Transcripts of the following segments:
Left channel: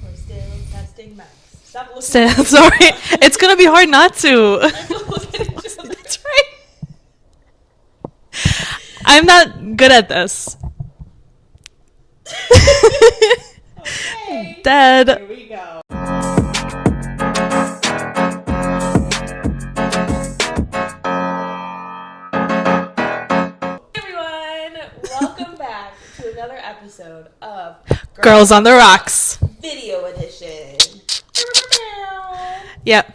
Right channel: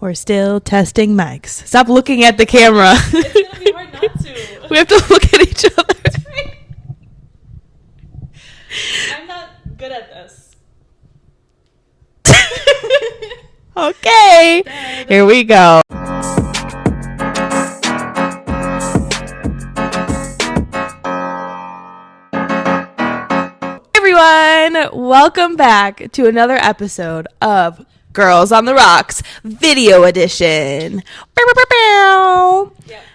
We're still testing mics. Stop looking at the Sorry. camera. It's going to be hard not to. We have to look at each other. That's right. I'm not good at this. Okay. Dead. Here we go. Welcome back to another episode of Girls on the Rocks Video Edition. Yep.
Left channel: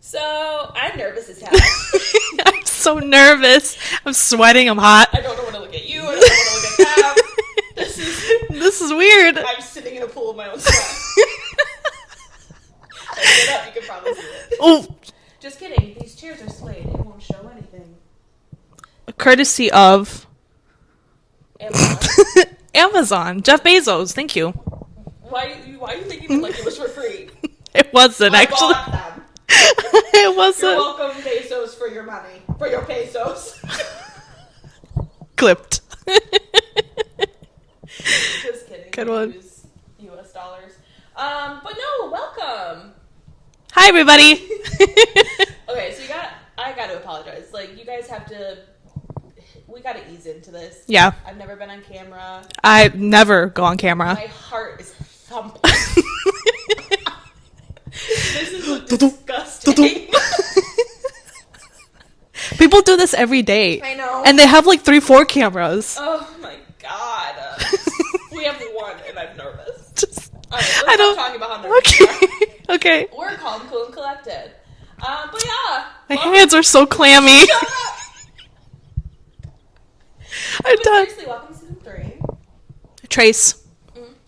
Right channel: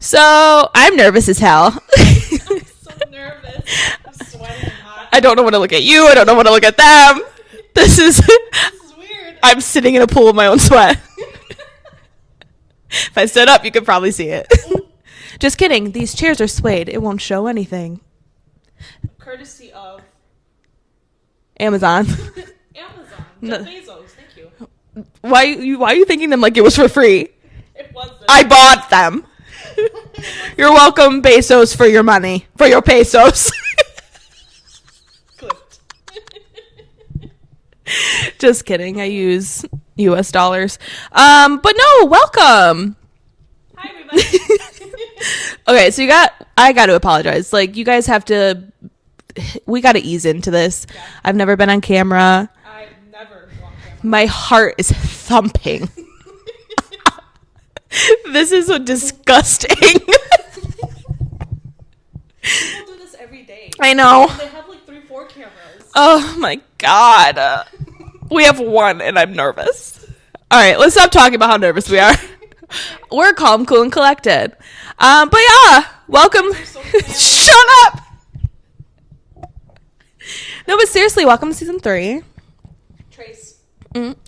So I'm nervous as hell. I'm so nervous. I'm sweating. I'm hot. I don't know when to look at you. I don't know when to look at them. This is weird. I'm sitting in a pool of my own sweat. If I stood up, you could probably see it. Ooh. Just kidding. These chairs are suede. It won't show anything. Courtesy of Amazon. Amazon. Jeff Bezos. Thank you. Why are you thinking them like it was for free? It wasn't. I bought them. It wasn't. You're welcome, Bezos, for your money. For your pesos. Clipped. Just kidding. Good I one. use US dollars. But no, welcome. Hi, everybody. Okay, so I got to apologize. Like, you guys we got to ease into this. Yeah. I've never been on camera. I never go on camera. My heart is thumping. This is so disgusting. People do this every day. I know. And they have like 3-4 cameras. Oh my God. We have one and I'm nervous. All right, let's stop talking about how nervous we are. Okay. We're calm, cool, and collected. But yeah, Welcome. Hands are so clammy. Shut up. No, but seriously, welcome to season 3. Trace.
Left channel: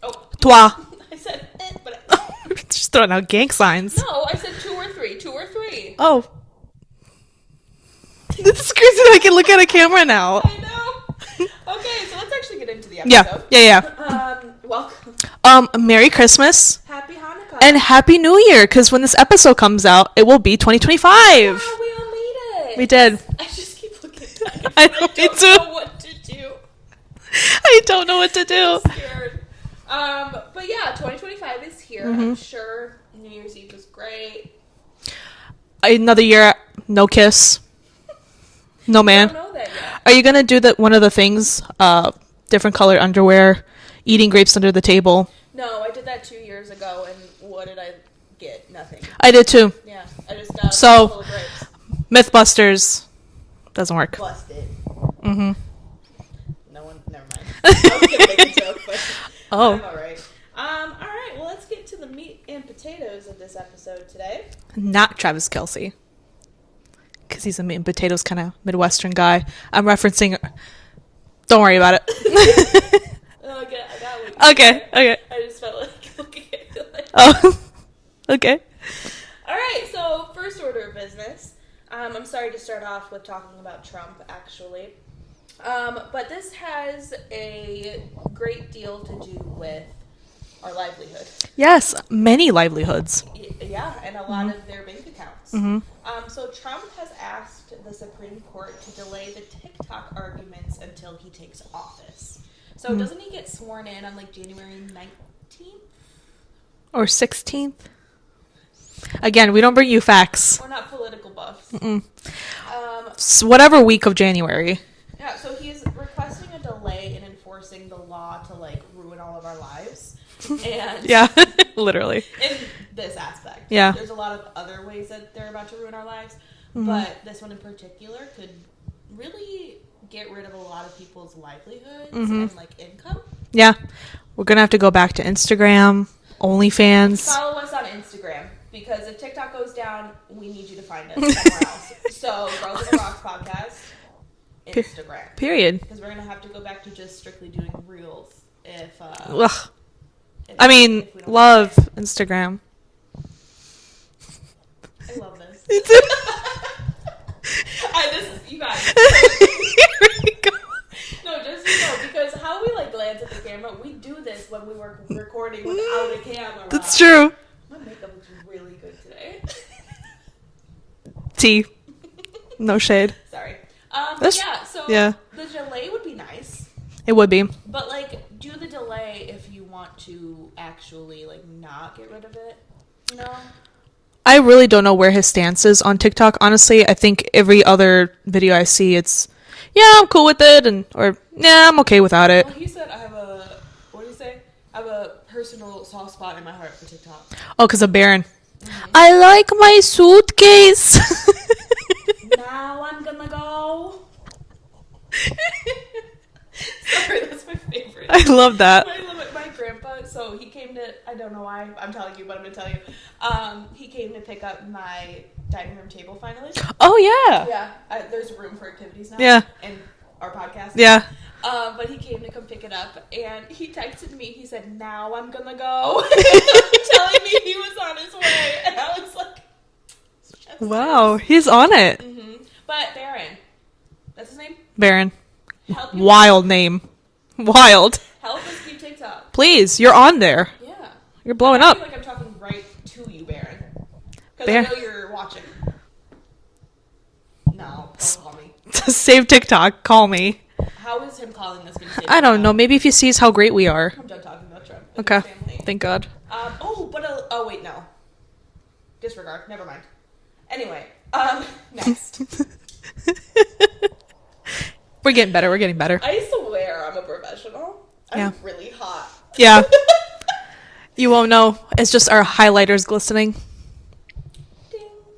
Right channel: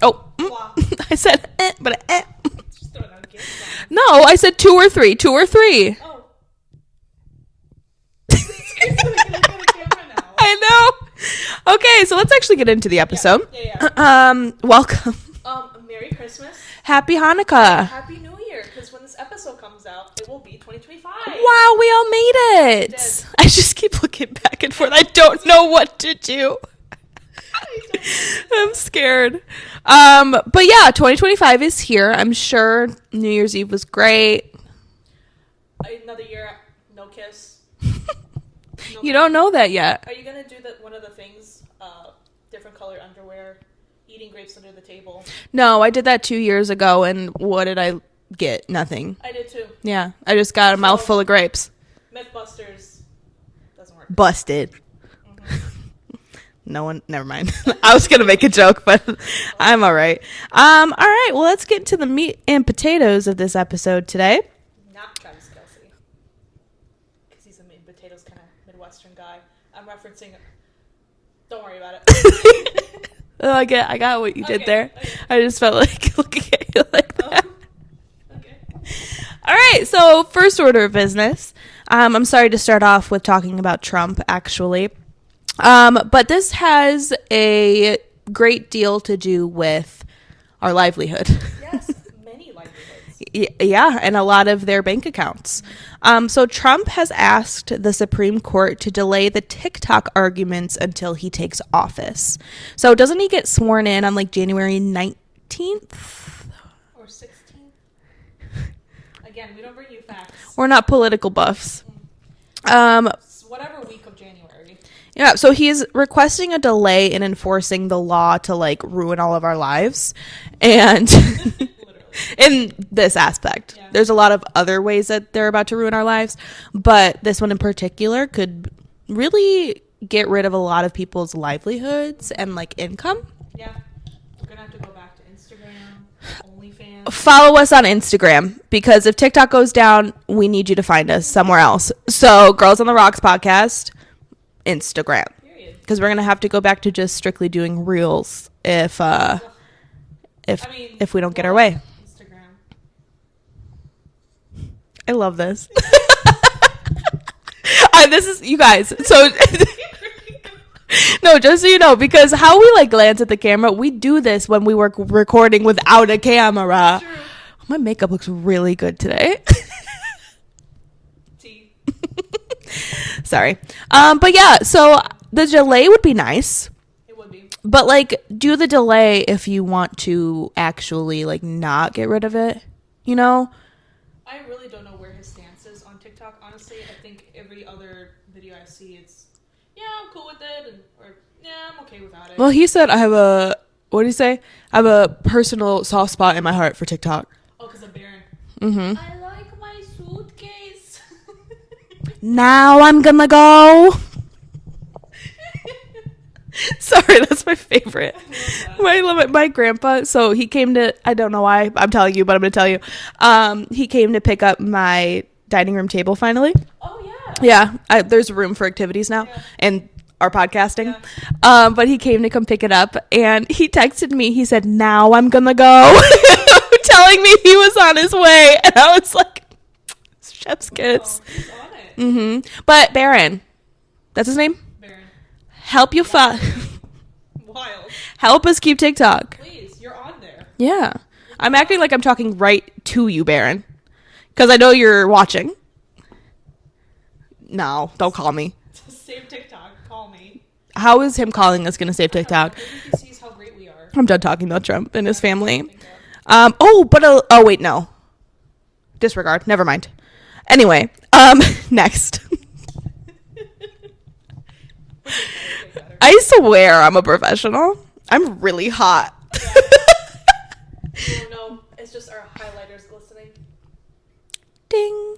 Oh, toi. I said, but Just throwing out gang signs. no, I said 2 or 3. 2 or 3. Oh. This is crazy that I can look at a camera now. I know. Okay, so let's actually get into the episode. Yeah. Welcome. Merry Christmas Happy Hanukkah. and Happy New Year, because when this episode comes out, it will be 2025. Wow, we all made it. We did. I just keep looking back and forth. I don't know what to do. I don't know what to do. I'm scared. But yeah, 2025 is here. Mm-hmm. I'm sure New Year's Eve was great. Another year, no kiss. No You man. don't know that yet. Are you gonna do one of the things? Different colored underwear, eating grapes under the table. No, I did that 2 years ago, and what did I get? Nothing. I did too. Yeah, I just got a So- mouthful of grapes. Mythbusters doesn't work. Busted. Mm-hmm. No one. Never mind. I was gonna make a joke, but Oh. I'm all right. All right. Well, let's get to the meat and potatoes of this episode today. Not Travis Kelce, because he's a meat and potatoes kind of Midwestern guy. I'm referencing. Don't worry about it. Oh, I got what you did there. Okay. I just felt like looking at you like Oh. that. Okay. All right. So first order of business. I'm sorry to start off with talking about Trump, actually. But this has a great deal to do with our livelihood. Yes, many livelihoods. Yeah, and a lot of their bank accounts. Mm-hmm. So Trump has asked the Supreme Court to delay the TikTok arguments until he takes office. So doesn't he get sworn in on like January 19th? Or 16th. Again, we don't bring you facts. We're not political buffs. Whatever week of January. Yeah, so he is requesting a delay in enforcing the law to like ruin all of our lives. And Literally. in this aspect. Yeah. There's a lot of other ways that they're about to ruin our lives, but this one in particular could really get rid of a lot of people's livelihoods and like income. Yeah. We're going to have to go back to Instagram, OnlyFans. Follow us on Instagram, because if TikTok goes down, we need you to find us somewhere else. So Girls on the Rocks podcast, Instagram. Period. Because we're going to have to go back to just strictly doing reels if we don't love get our way. Instagram. I love this. This is, you guys, so no, just so you know, because how we like glance at the camera, we do this when we were recording without a camera. That's true. My makeup looks really good today. T. No shade. Sorry. But yeah, so Yeah. the delay would be nice. It would be. But like, do the delay if you want to actually like not get rid of it, you know? I really don't know where his stance is on TikTok. Honestly, I think every other video I see, it's, yeah, I'm cool with it, or yeah, I'm okay without it. Well, he said, what did he say? I have a personal soft spot in my heart for TikTok. Oh, because of Baron. Mm-hmm. I like my suitcase. Now I'm gonna go. Sorry, that's my favorite. I love that. I love it. My grandpa, so he came to, I don't know why I'm telling you, but I'm going to tell you. He came to pick up my dining room table finally. Oh, yeah. Yeah. There's room for activities now. Yeah. And our podcast. Yeah. But he came to come pick it up and he texted me. He said, now I'm going to go. Telling me he was on his way. And I was like, chef's Wow. kiss. He's on it. Mm-hmm. But Baron, that's his name? Baron. Help you Wild name. Wild. Help us keep TikTok. Please, you're on there. Yeah. You're I'm blowing acting up. like I'm talking right to you, Baron. Because I know you're watching. No, don't call me. Save TikTok. Call me. How is him calling us going to save I TikTok? don't know. Maybe if he sees how great we are. I'm done talking about Trump and his family. Thank God. Oh, wait, no. Disregard. Never mind. Anyway, next. We're getting better. We're getting better. I swear I'm a professional. I'm Yeah. really hot. Yeah. You won't know. It's just our highlighters glistening. Ding.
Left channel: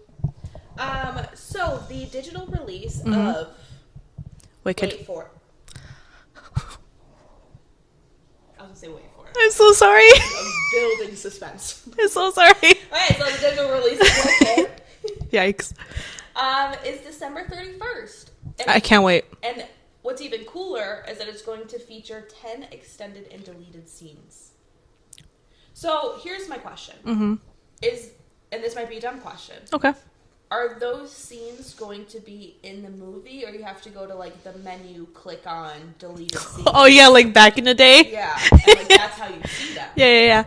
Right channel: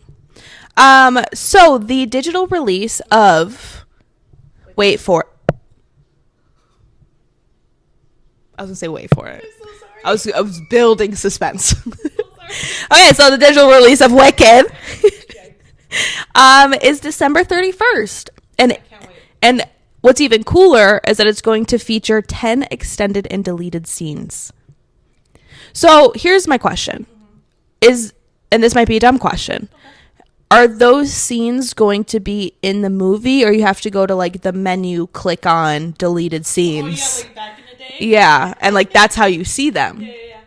So the digital release of wait for it. I was gonna say wait for it. I'm so sorry. I was building suspense. I'm so sorry. Okay, so the digital release of Wicked Yikes. is December 31st. And I can't wait. And what's even cooler is that it's going to feature 10 extended and deleted scenes. So here's my question. And this might be a dumb question. Okay. Are those scenes going to be in the movie, or you have to go to like the menu, click on deleted scenes? Oh, yeah, like back in the day? Yeah, and like that's how you see them. Yeah.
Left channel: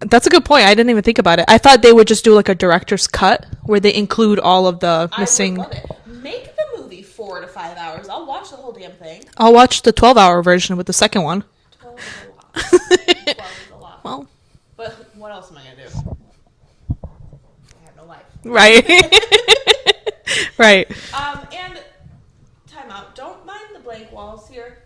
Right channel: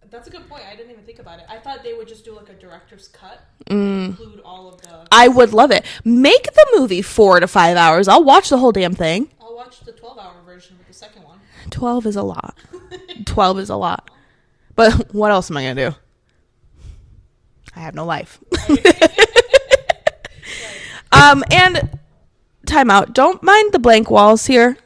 That's a good point. I didn't even think about it. I thought they would just do like a director's cut where they include all of the I missing- would love it. Make the movie 4 to 5 hours. I'll watch the whole damn thing. I'll watch the 12-hour version with the second one. 12 is a lot. 12 is a lot. Well, But what else am I going to do? I have no life. right. Right. And time out. Don't mind the blank walls here.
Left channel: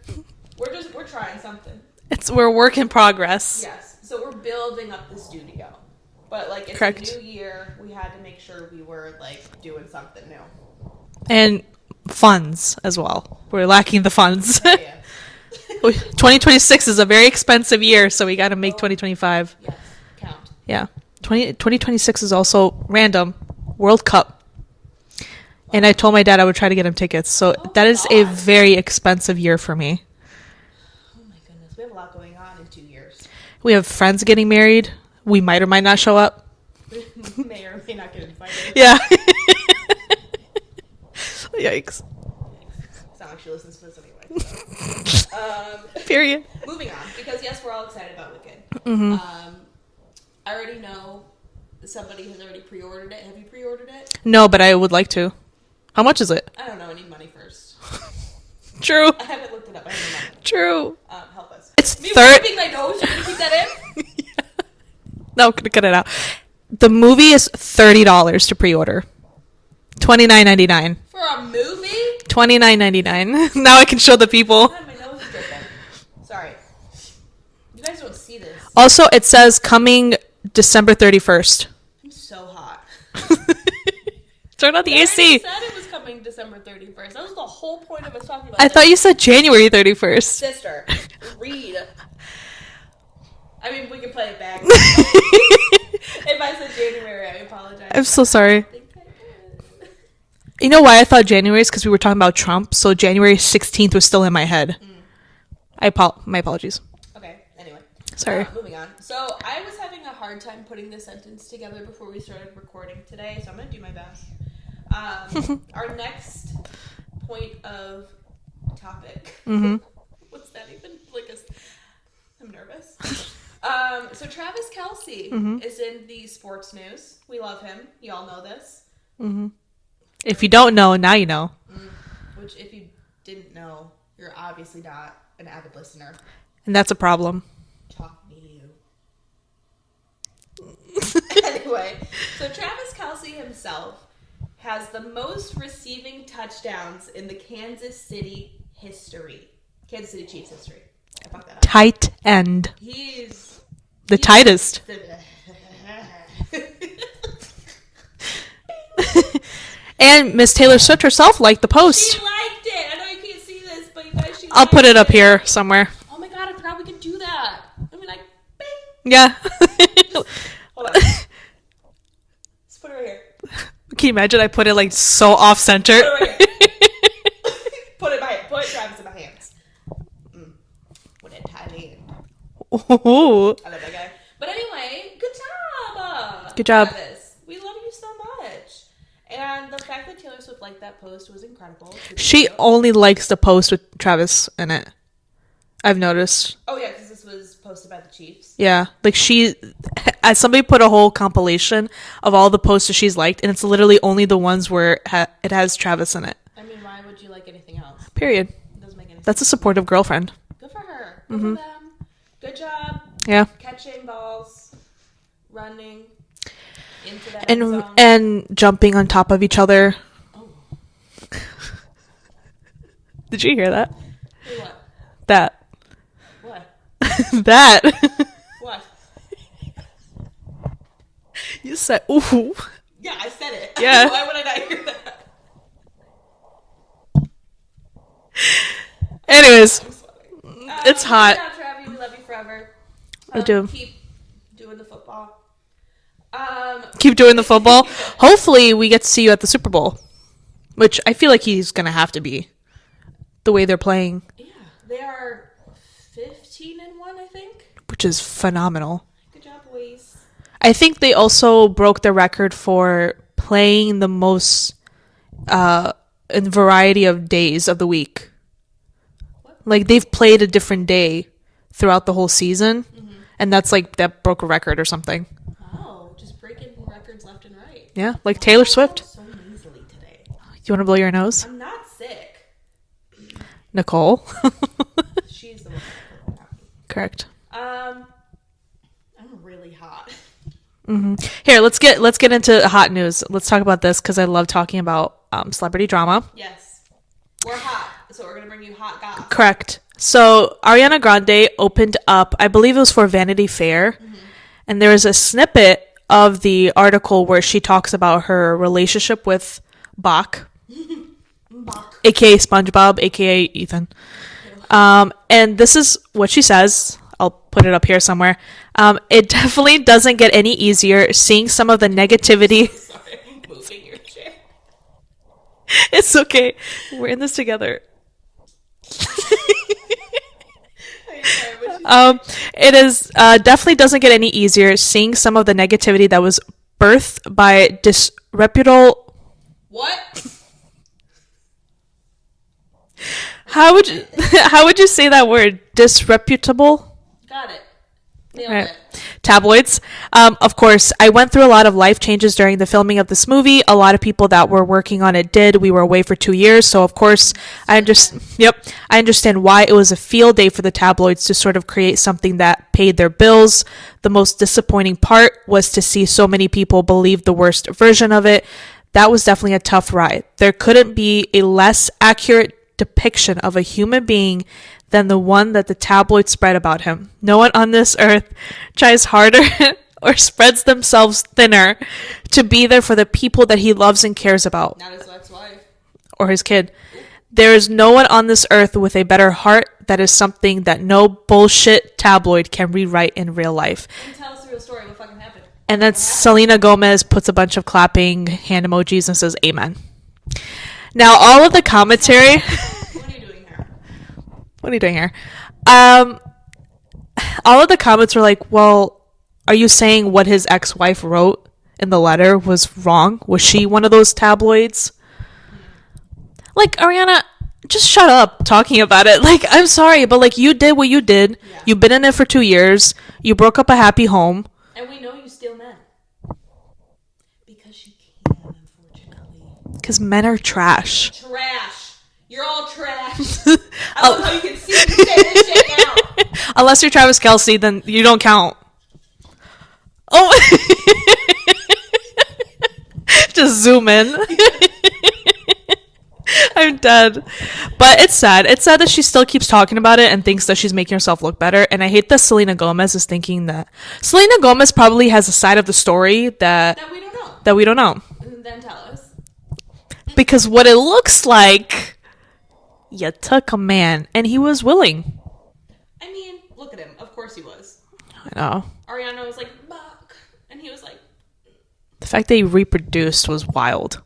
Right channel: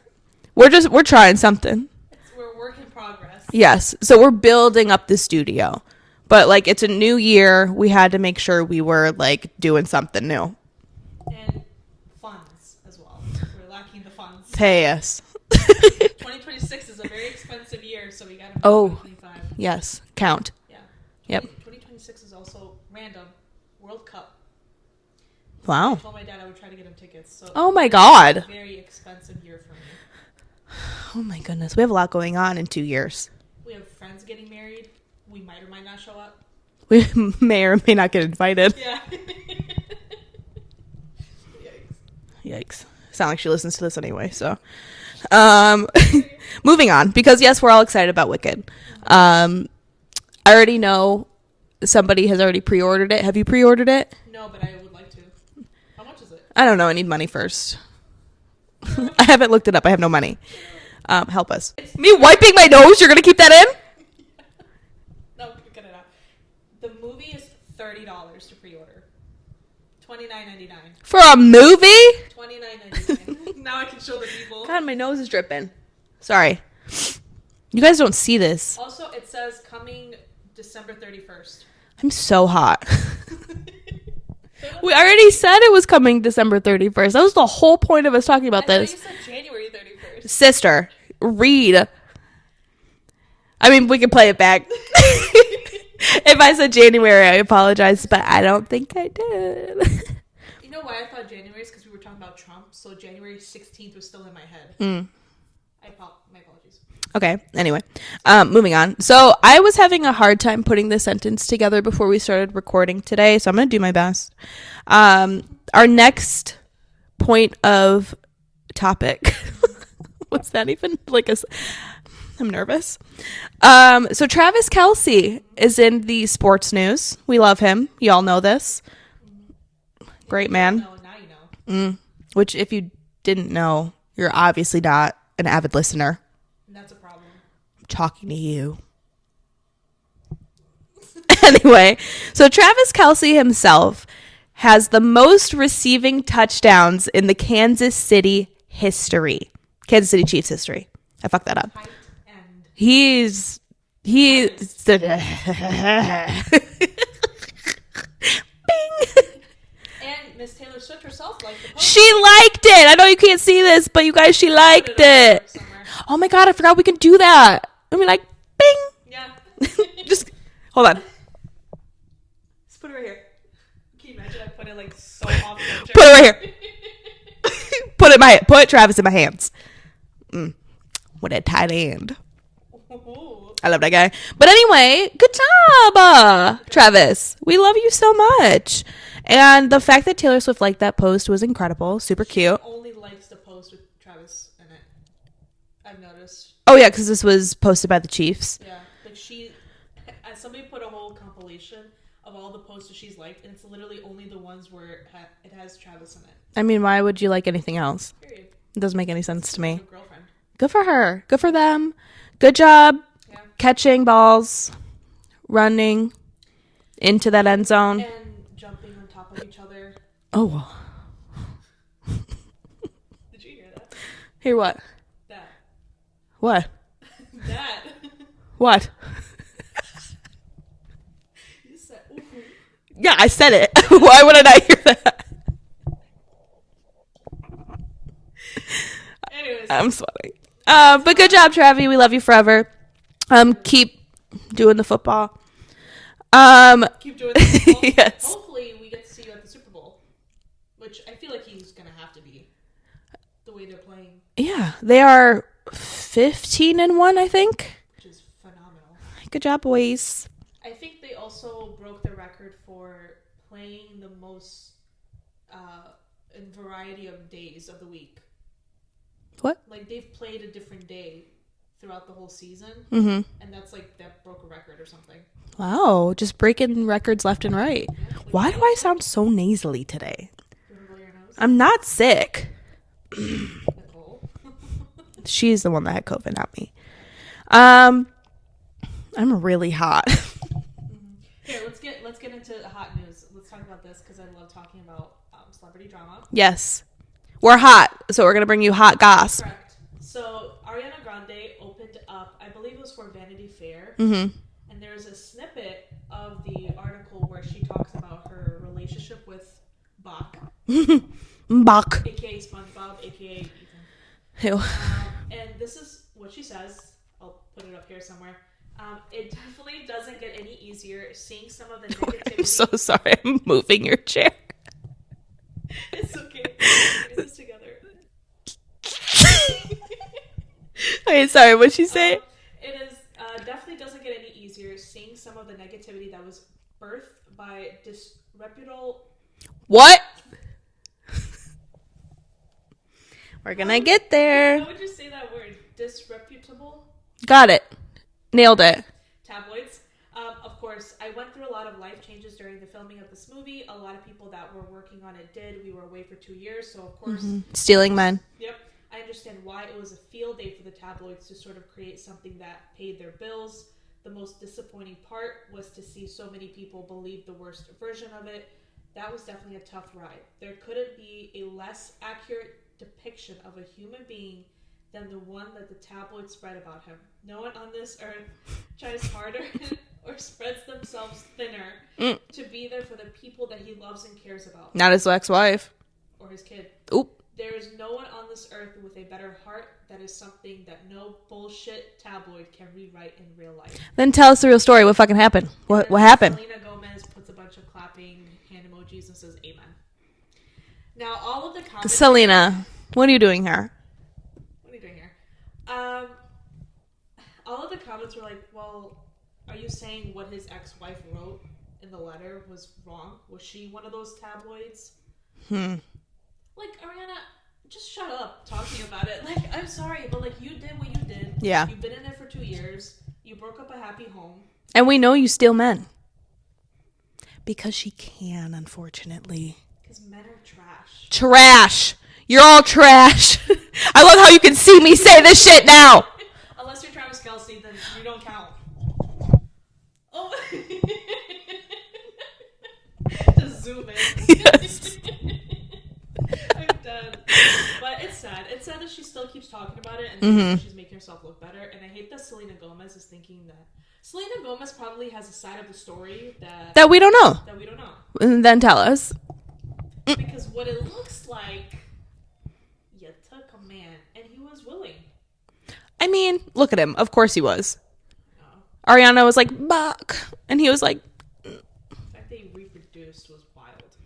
We're trying something. We're work in progress. Yes. So we're building up the studio. But like it's Correct. a new year. We had to make sure we were like doing something new. And funds as well. We're lacking the funds. Pay us. 2026 is a very expensive year, so we got to make Oh. 2025. Yes. Count. Yeah. 2026 is also random World Cup. Wow. And I told my dad I would try to get him tickets. So Oh that my is God. a very expensive year for me. Oh my goodness. We have a lot going on in 2 years. We have friends getting married. We might or might not show up. We may or may not get invited. Yeah. Yikes. Sound like she listens to this anyway, so Period. moving on, because yes, we're all excited about Wicked. I already know somebody has already pre-ordered it. Have you pre-ordered it? No, but I would like to. How much is it? I don't know. I need money first. True. I haven't looked it up. I have no money. True. Help us. It's Me wiping my nose. You're gonna keep that in? No, I'm gonna cut it out. The movie is $30 to pre-order. $29.99. For a movie? $29.99. Now I can show the people. God, my nose is dripping. Sorry. You guys don't see this. Also, it says coming December 31st. I'm so hot. Turn on the We already said it was coming December 31st. That was the whole point of us talking about I this. thought you said January 31st. Sister, read. I mean, we can play it back. If I said January, I apologize. I'm but so sorry. I don't think I did. You know why I thought January is? Because we were talking about Trump. So January 16th was still in my head. My apologies. Okay. Anyway, Sorry. moving on. So I was having a hard time putting the sentence together before we started recording today. So I'm going to do my best. Our next point of topic. What's that even like? I'm nervous. So Travis Kelce is in the sports news. We love him. You all know this. If Great you don't man. know, now you know. Which, if you didn't know, you're obviously not an avid listener. And that's a problem. I'm talking to you. Anyway, so Travis Kelce himself has the most receiving touchdowns in the Kansas City Chiefs history. I fucked that up. Tight end. He's the tightest. And Miss Taylor Swift herself liked the post. She liked it. I know you can't see this, but you guys, she liked it. I'll put it up here somewhere. Oh my God, I forgot we can do that. I mean, like, bing. Yeah. Just hold on. Let's put it right here. Can you imagine I put it like so off center? Put it right here. Put Travis in my hands. With that tight end. Ooh, I love that guy. But anyway, good job. Good job, Travis. We love you so much. And the fact that Taylor Swift liked that post was incredible. Super She cute. only likes the post with Travis in it. I've noticed. Oh yeah, because this was posted by the Chiefs. Yeah, like somebody put a whole compilation of all the posts that she's liked, and it's literally only the ones where it has Travis in it. I mean, why would you like anything else? Period. It doesn't make any sense. That's a supportive girlfriend. Good for her. Good for them. Good job. Yeah. Catching balls, running into that end zone. And jumping on top of each other. Oh. Did you hear that? Hey, what? That. What? That. What? You said, ooh. Yeah, I said it. Yeah. Why would I not hear that? Anyways. I'm sweating. But good job, Travi. We love you forever. do. Keep doing the football. Keep doing the football. Yes. Hopefully we get to see you at the Super Bowl, which I feel like he's going to have to be the way they're playing. Yeah, they are 15-1, I think. Which is phenomenal. Good job, boys. I think they also broke the record for playing the most in variety of days of the week. What? Like they've played a different day throughout the whole season, and that broke a record or something. Wow, just breaking records left and right. Yeah, like Why Taylor do I Swift. sound so nasally today? You want to blow your nose? I'm not sick. Nicole. She's the one that had COVID, not me. Correct. I'm really hot. Here, let's get into hot news. Let's talk about this because I love talking about celebrity drama. Yes. We're hot, so we're going to bring you hot goss. Correct. So Ariana Grande opened up, I believe it was for Vanity Fair, and there was a snippet of the article where she talks about her relationship with Bach, Bach. aka SpongeBob, aka Ethan. Ew. And this is what she says. I'll put it up here somewhere. It definitely doesn't get any easier seeing some of the negativity. I'm so sorry, I'm moving your chair. It's okay. We're in this together. Wait, sorry, what'd she say? It is definitely doesn't get any easier seeing some of the negativity that was birthed by disreputable. What? How would get there? How would you say that word? Disreputable. Got it. Nailed Right. it. Tabloids. Of course, I went through a lot of life changes during the filming of this movie. A lot of people that were working on it did. We were away for 2 years, so of course, Stealing men. Yep, I understand why it was a field day for the tabloids to sort of create something that paid their bills. The most disappointing part was to see so many people believe the worst version of it. That was definitely a tough ride. There couldn't be a less accurate depiction of a human being than the one that the tabloids spread about him. No one on this earth tries harder or spreads themselves thinner to be there for the people that he loves and cares about. Not his ex-wife. Or his kid. Oop. There is no one on this earth with a better heart. That is something that no bullshit tabloid can rewrite in real life. Then tell us the real story. What fucking happened? And then what happened? Selena Gomez puts a bunch of clapping hand emojis and says amen. Now all of the commentary... Selena, what are you doing here? What are you doing here? All of the comments were like, well, are you saying what his ex-wife wrote in the letter was wrong? Was she one of those tabloids? Like, Ariana, just shut up talking about it. Like, I'm sorry, but like you did what you did. Yeah. You've been in it for 2 years. You broke up a happy home. And we know you steal men. Because she can, unfortunately. Because men are trash. Trash. You're all trash. I love how you can see me say this shit now. Unless you're Travis Kelce, then you don't count. Oh. Just zoom in. I'm dead. But it's sad. It's sad that she still keeps talking about it and thinks that she's making herself look better. And I hate that Selena Gomez is thinking that. Selena Gomez probably has a side of the story that we don't know. That we don't know. And then tell us. Because what it looks like, you took a man and he was willing. I mean, look at him. Of course he was. I know. Ariana was like, "Buck," and he was like, the fact that he reproduced was wild.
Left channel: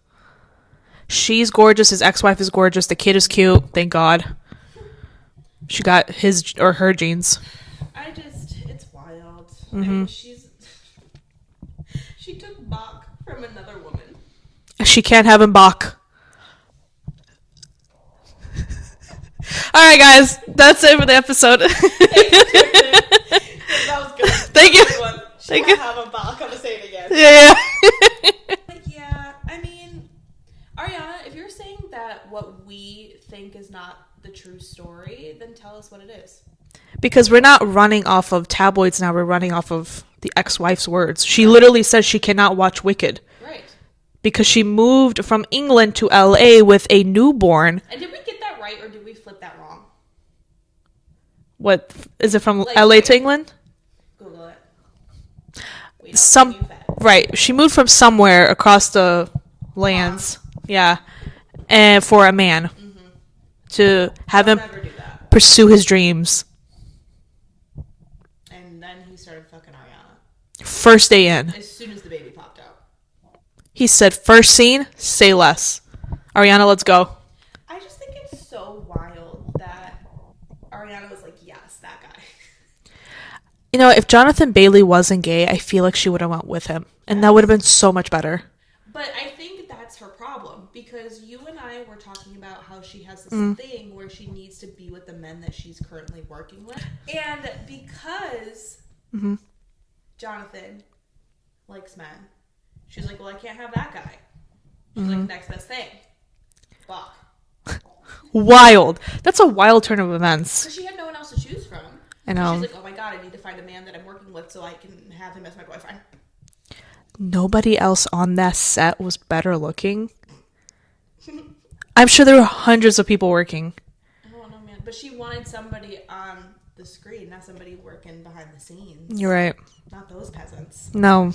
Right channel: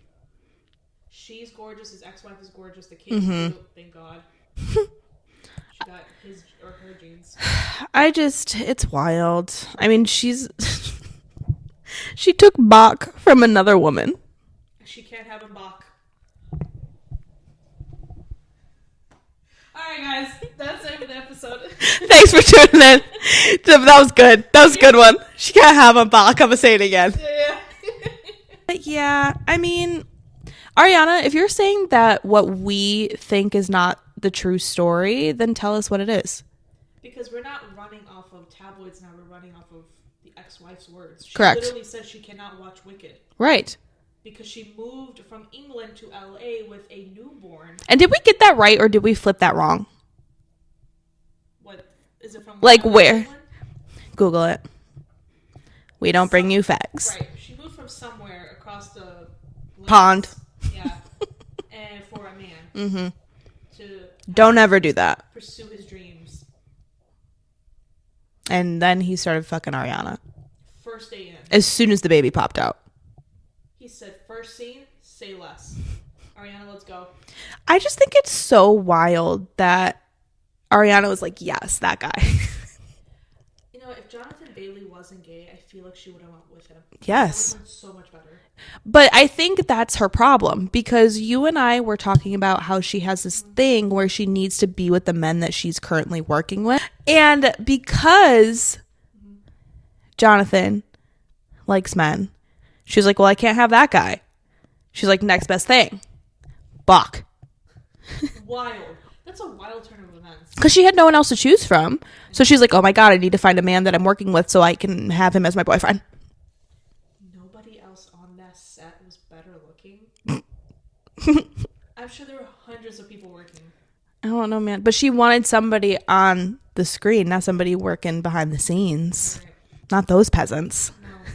She's gorgeous. His ex-wife is gorgeous. The kid is cute. Thank God. She got his or her genes. It's wild. I mean, she took Bach from another woman. She can't have him back. All right, guys. That's it for the episode. Thanks for tuning in. That was good. That was a good one. She can't have him back. I'm going to say it again. Yeah. Yeah. I mean, Ariana, if you're saying that what we think is not the true story, then tell us what it is. Because we're not running off of tabloids now. We're running off of the ex-wife's words. She Correct. literally says she cannot watch Wicked. Right. Because she moved from England to LA with a newborn. And did we get that right or did we flip that wrong? What is it from Like LA where? to England? Google it. We don't bring you facts. Right. She moved from somewhere across the land. Ponds. Yeah. And for a man. To have Don't him ever do that. pursue his dreams. And then he started fucking Ariana. First day in. As soon as the baby popped out. He said, first scene, say less. Ariana, let's go. I just think it's so wild that Ariana was like, yes, that guy. You know, if Jonathan Bailey wasn't gay, I feel like she would have went with him. And that Yes. would have been so much better. But I think that's her problem because you and I were talking about how she has this thing where she needs to be with the men that she's currently working with. And because Jonathan likes men, she's like, well, I can't have that guy. She's like, next best thing. Bach. Wild. That's a wild turn of events. Because she had no one else to choose from. I So know. she's like, oh my God, I need to find a man that I'm working with so I can have him as my boyfriend. Nobody else on that set was better looking. I'm sure there were hundreds of people working. I don't know, man. But she wanted somebody on the screen, not somebody working behind the scenes. You're right. Not those peasants. No.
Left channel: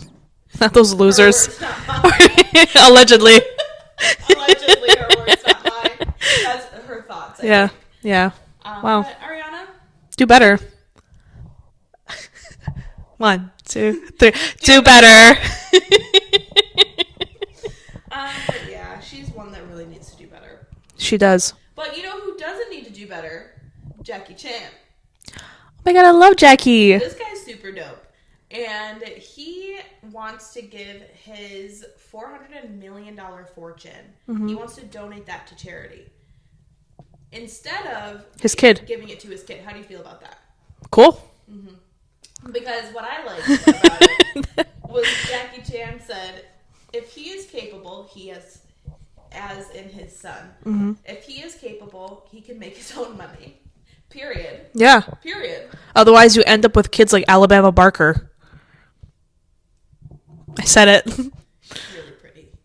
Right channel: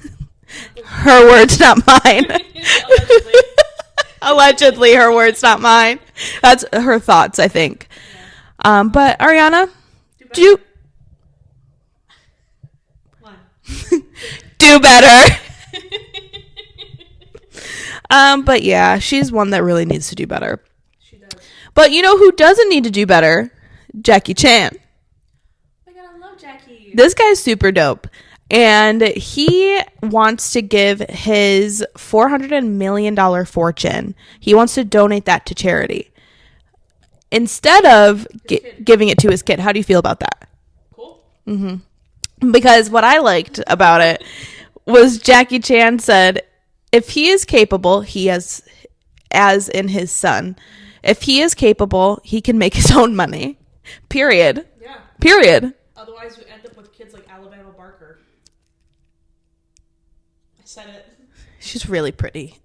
Not those losers. Her words, not mine. Allegedly. Allegedly, her words, not mine. That's her thoughts, I think. Yeah. Wow. But Ariana, Do better. 1, 2, 3. do better. But yeah, she's one that really needs to do better. She does. But you know who doesn't need to do better? Jackie Chan. Oh my God, I love Jackie. This guy's super dope. And he wants to give his $400 million fortune. He wants to donate that to charity. Instead of His kid. giving it to his kid. How do you feel about that? Cool. Because what I liked about it was Jackie Chan said, if he is capable, he has, as in his son, if he is capable, he can make his own money. Period. Yeah. Period. Otherwise, you end up with kids like Alabama Barker. I said it. She's really pretty.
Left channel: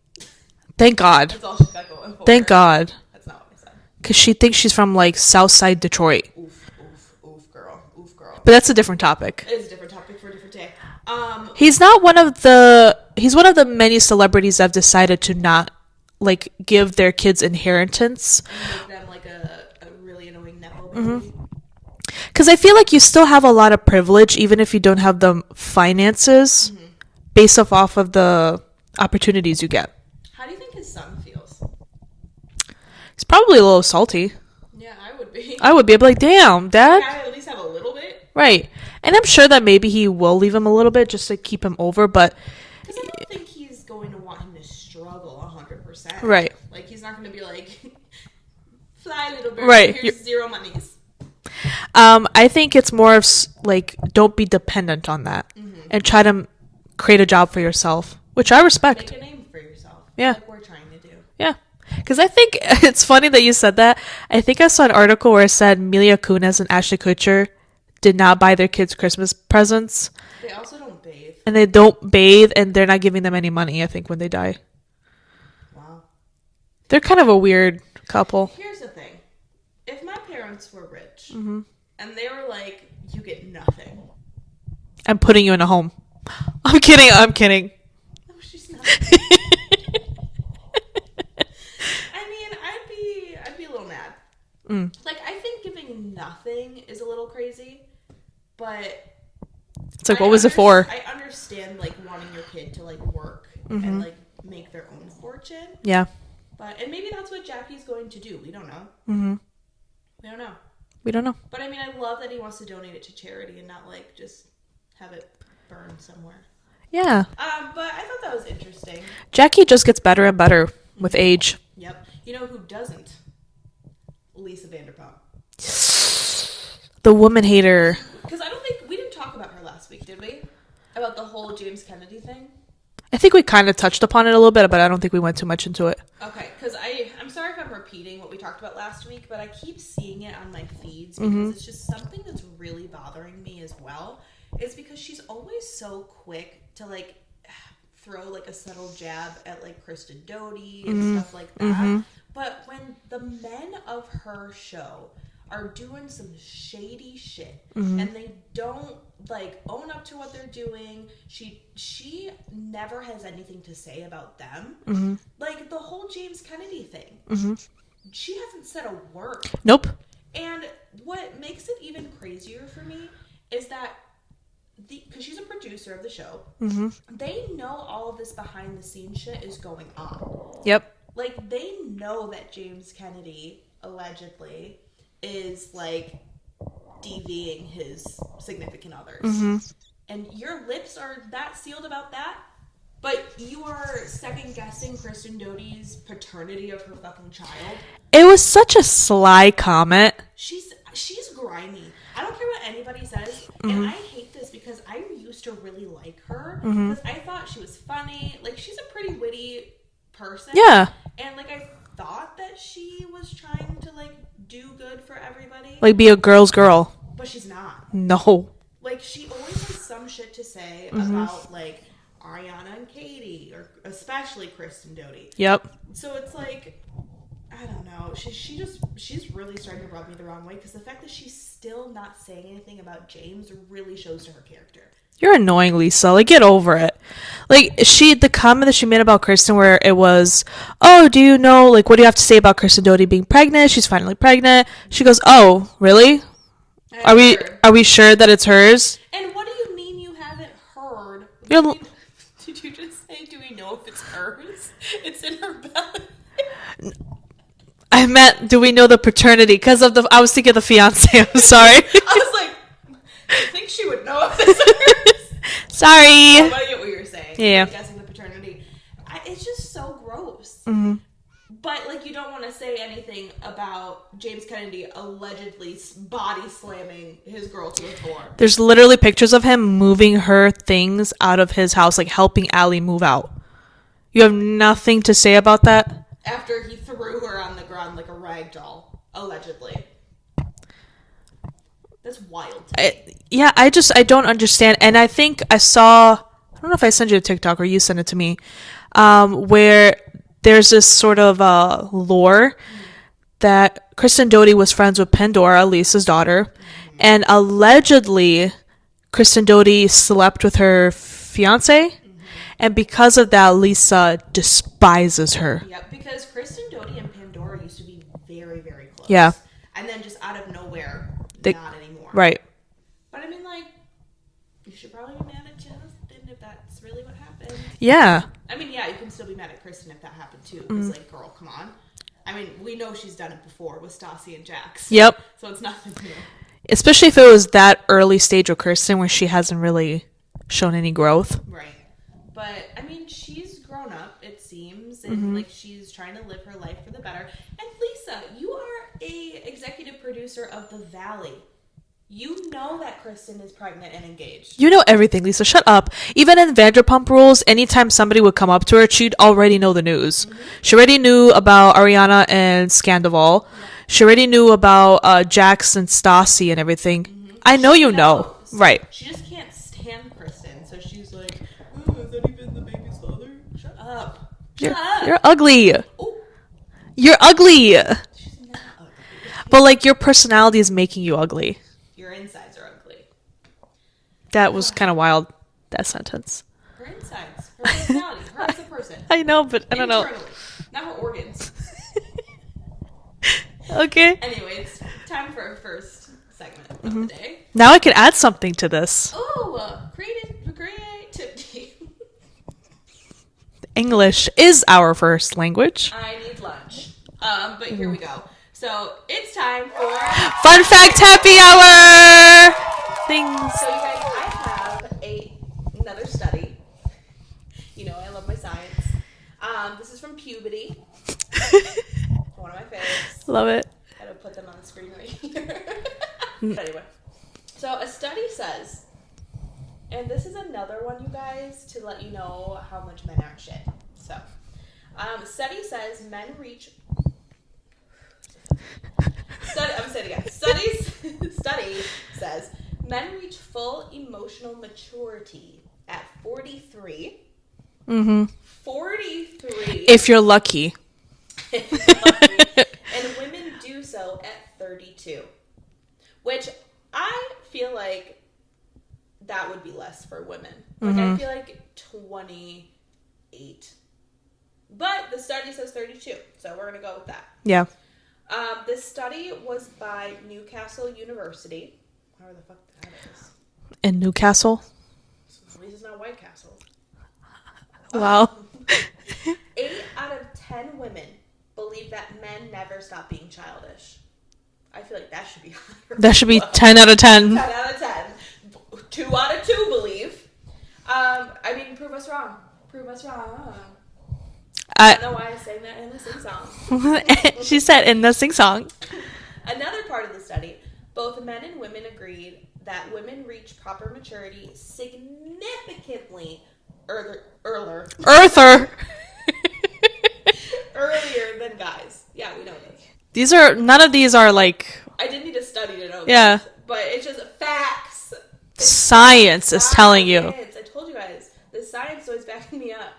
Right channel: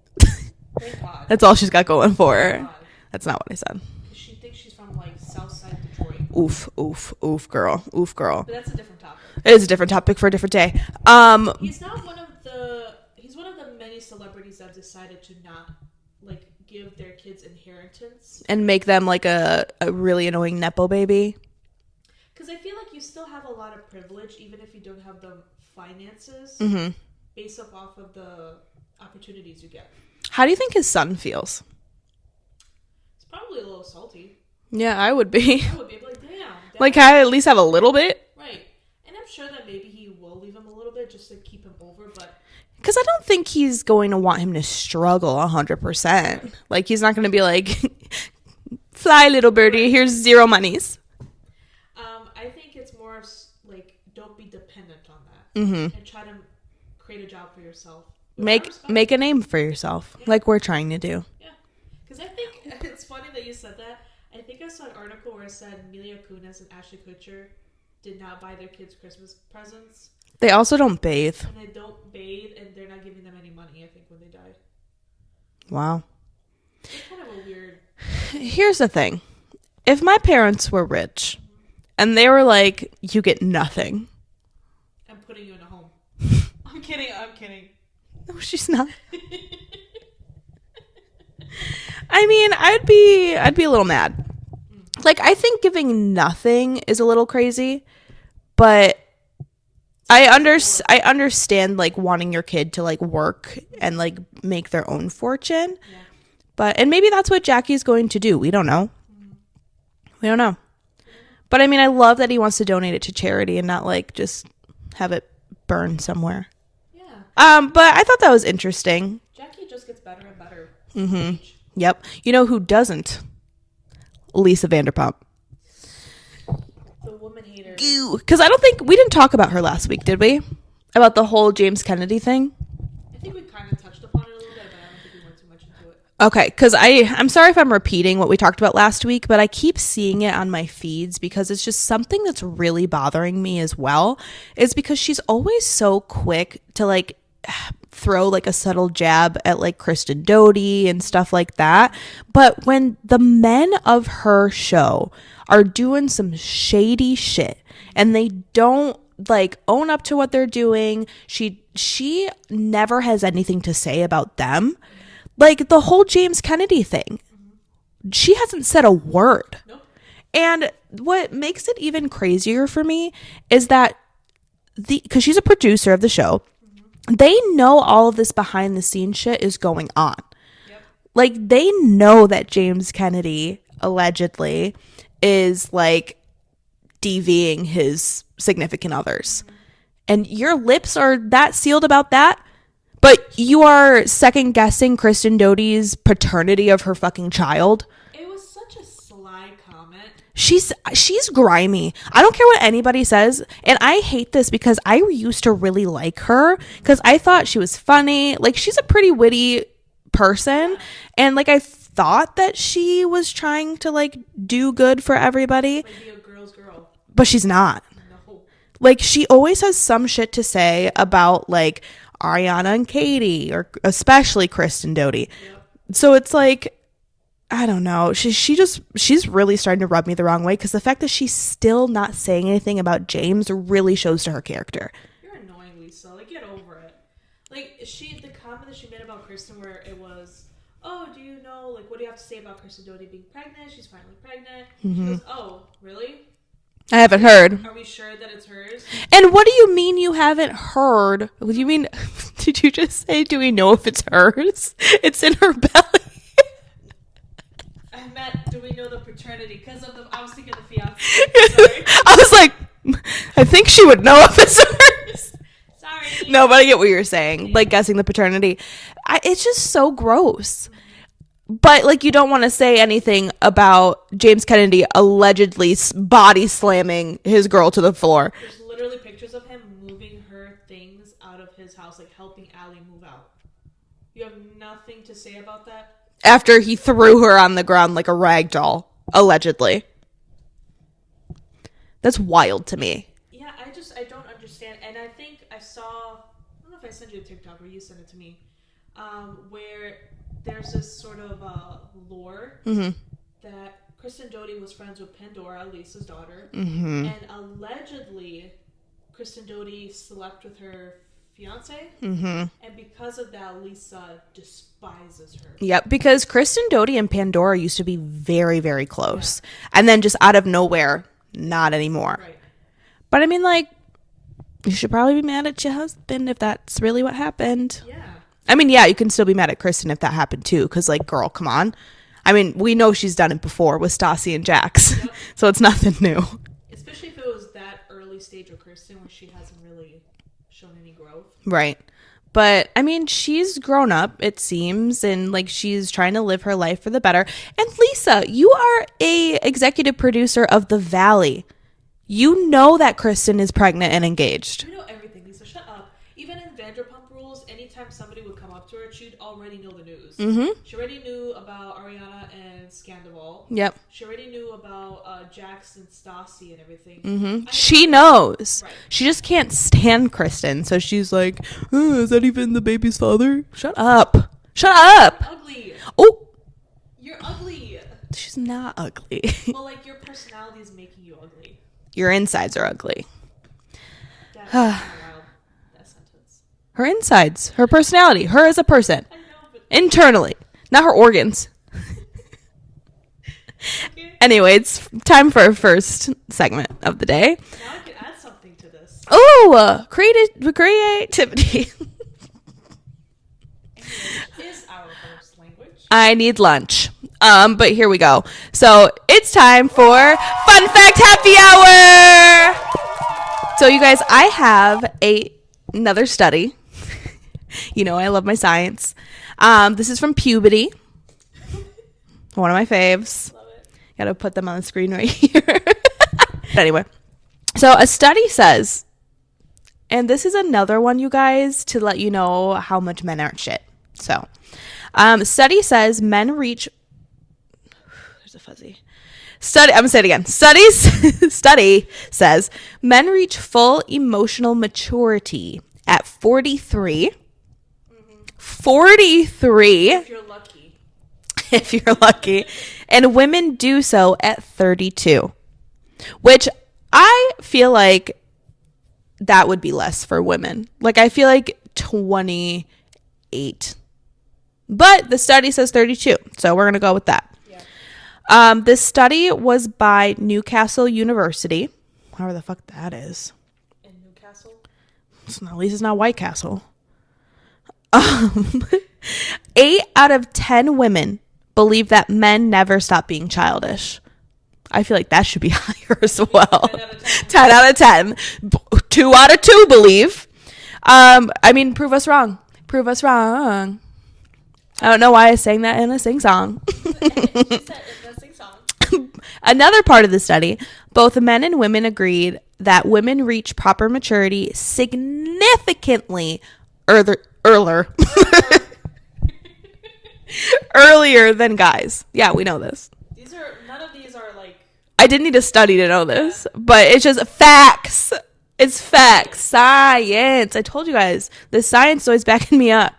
Thank God. That's all she's got going for her. Thank God. That's not what I said. Because she thinks she's from like Southside Detroit. Oof, oof, oof, girl. Oof, girl. But that's a different topic. It is a different topic for a different day. He's one of the many celebrities that have decided to not like give their kids inheritance. And make them like a really annoying Nepo baby. Because I feel like you still have a lot of privilege, even if you don't have the finances, based off of the opportunities you get. How do you think his son feels? He's probably a little salty. Yeah, I would be. I would be. I'd be like, damn, Dad. Like, I at least have a little bit. Right. And I'm sure that maybe he will leave him a little bit just to keep him over, but Because I don't think he's going to want him to struggle 100%. Right. Like, he's not going to be like, fly, little birdie, Right. here's 0 monies. I think it's more of like, don't be dependent on that and try to create a job for yourself, which I respect. Make a name for yourself. Yeah. Like we're trying to do. Yeah. Because I think it's funny that you said that. I think I saw an article where it said Mila Kunis and Ashton Kutcher did not buy their kids Christmas presents. They also don't bathe. And they don't bathe, and they're not giving them any money, I think, when they die. Wow. They're kind of a weird couple. Here's the thing. If my parents were rich and they were like, you get nothing. I'm putting you in a home. I'm kidding. No, she's not. I mean, I'd be a little mad. Like, I think giving nothing is a little crazy, but like, I understand like wanting your kid to like work and like make their own fortune. Yeah. And maybe that's what Jackie's going to do. We don't know. We don't know. But I mean, I love that he wants to donate it to charity and not like just have it burn somewhere. Yeah. But I thought that was interesting. Jackie just gets better and better with age. Yep. You know who doesn't? Lisa Vanderpump. The woman hater. Because I don't think we didn't talk about her last week, did we? About the whole James Kennedy thing. I think we kind of touched upon it a little bit, but I don't think we went too much into it. Okay, because I'm sorry if I'm repeating what we talked about last week, but I keep seeing it on my feeds because it's just something that's really bothering me as well. Is because she's always so quick to like throw like a subtle jab at like Kristen Doty and stuff like that. But when the men of her show are doing some shady shit and they don't like own up to what they're doing, she never has anything to say about them. Like the whole James Kennedy thing, she hasn't said a word. Nope. And what makes it even crazier for me is that because she's a producer of the show, they know all of this behind the scenes shit is going on. Yep. Like they know that James Kennedy allegedly is like DVing his significant others. And your lips are that sealed about that, but you are second guessing Kristen Doty's paternity of her fucking child. It was such a sly comment. She's grimy. I don't care what anybody says. And I hate this because I used to really like her because I thought she was funny. Like she's a pretty witty person. Yeah. And like I thought that she was trying to like do good for everybody. Like be a girl's girl. But she's not. No. Like she always has some shit to say about like Ariana and Katie or especially Kristen Doty. Yep. So it's like, I don't know. She's really starting to rub me the wrong way because the fact that she's still not saying anything about James really shows to her character. You're annoying, Lisa. Like, get over it. Like, the comment that she made about Kristen where it was, oh, do you know, like, what do you have to say about Kristen Doty being pregnant? She's finally pregnant. She goes, oh, really? I haven't heard. Are we sure that it's hers? And what do you mean you haven't heard? What do you mean? Did you just say, do we know if it's hers? It's in her belly. I meant, do we know the paternity? Because I was thinking of the fiance. I'm sorry. I was like, I think she would know if it's hers. Sorry. No, but I get what you're saying. Yeah. Like guessing the paternity. It's just so gross. But like you don't want to say anything about James Kennedy allegedly body slamming his girl to the floor. There's literally pictures of him moving her things out of his house, like helping Allie move out. You have nothing to say about that? After he threw her on the ground like a rag doll, allegedly. That's wild to me. I don't understand. And I think I don't know if I sent you a TikTok or you sent it to me, where there's this sort of lore that Kristen Doty was friends with Pandora, Lisa's daughter, and allegedly Kristen Doty slept with her fiance, and because of that, Lisa despises her. Yep, because Kristen Doty and Pandora used to be very, very close. Yeah. And then just out of nowhere, not anymore. Right. But I mean, like, you should probably be mad at your husband if that's really what happened. Yeah. I mean, yeah, you can still be mad at Kristen if that happened too, because like, girl, come on. I mean, we know she's done it before with Stassi and Jax. Yep. So it's nothing new. Especially if it was that early stage of Kristen where she hasn't really shown any growth. Right. But I mean, she's grown up, it seems, and like she's trying to live her life for the better. And Lisa, you are a executive producer of The Valley. You know that Kristen is pregnant and engaged. You know everything, Lisa. Shut up. Even in Vanderpump Rules, anytime somebody would come up to her, she'd already know the news. Mm-hmm. She already knew about Ariana and Scandival. Yep. She already knew about Jax and Stassi and everything. Mm-hmm. I know she knows. Know. Right. She just can't stand Kristen. So she's like, is that even the baby's father? Shut up. Shut up. You're ugly. Oh, you're ugly. she's not ugly. But like your personality is making you ugly. Your insides are ugly. That was kind of wild, that sentence. Her insides, her personality, her as a person. I know, but internally, not her organs. Okay. Anyway, it's time for our first segment of the day. Now I can add something to this. Oh, creativity. English is our first language. I need lunch. But here we go. So it's time for Fun Fact Happy Hour. So you guys, I have another study. You know, I love my science. This is from Puberty. One of my faves. Love it. Gotta put them on the screen right here. Anyway, so a study says, and this is another one, you guys, to let you know how much men aren't shit. So, study says men reach. I'm gonna say it again. Study says men reach full emotional maturity at 43. 43. If you're lucky. If you're lucky. And women do so at 32. Which I feel like that would be less for women. Like, I feel like 28. But the study says 32. So we're going to go with that. Yeah. This study was by Newcastle University. However the fuck that is. In Newcastle? At least it's not White Castle. 8 out of 10 women believe that men never stop being childish. I feel like that should be higher. That should be 10 out of 10. 10 out of 10. 2 out of 2 believe. I mean, prove us wrong. Prove us wrong. I don't know why I sang that in a sing-song. She said in the sing-song. Another part of the study, both men and women agreed that women reach proper maturity significantly earlier than guys. Yeah, we know this. None of these are like... I didn't need a study to know this, but it's just facts. It's science facts. is telling you. I told you guys, the science is always backing me up.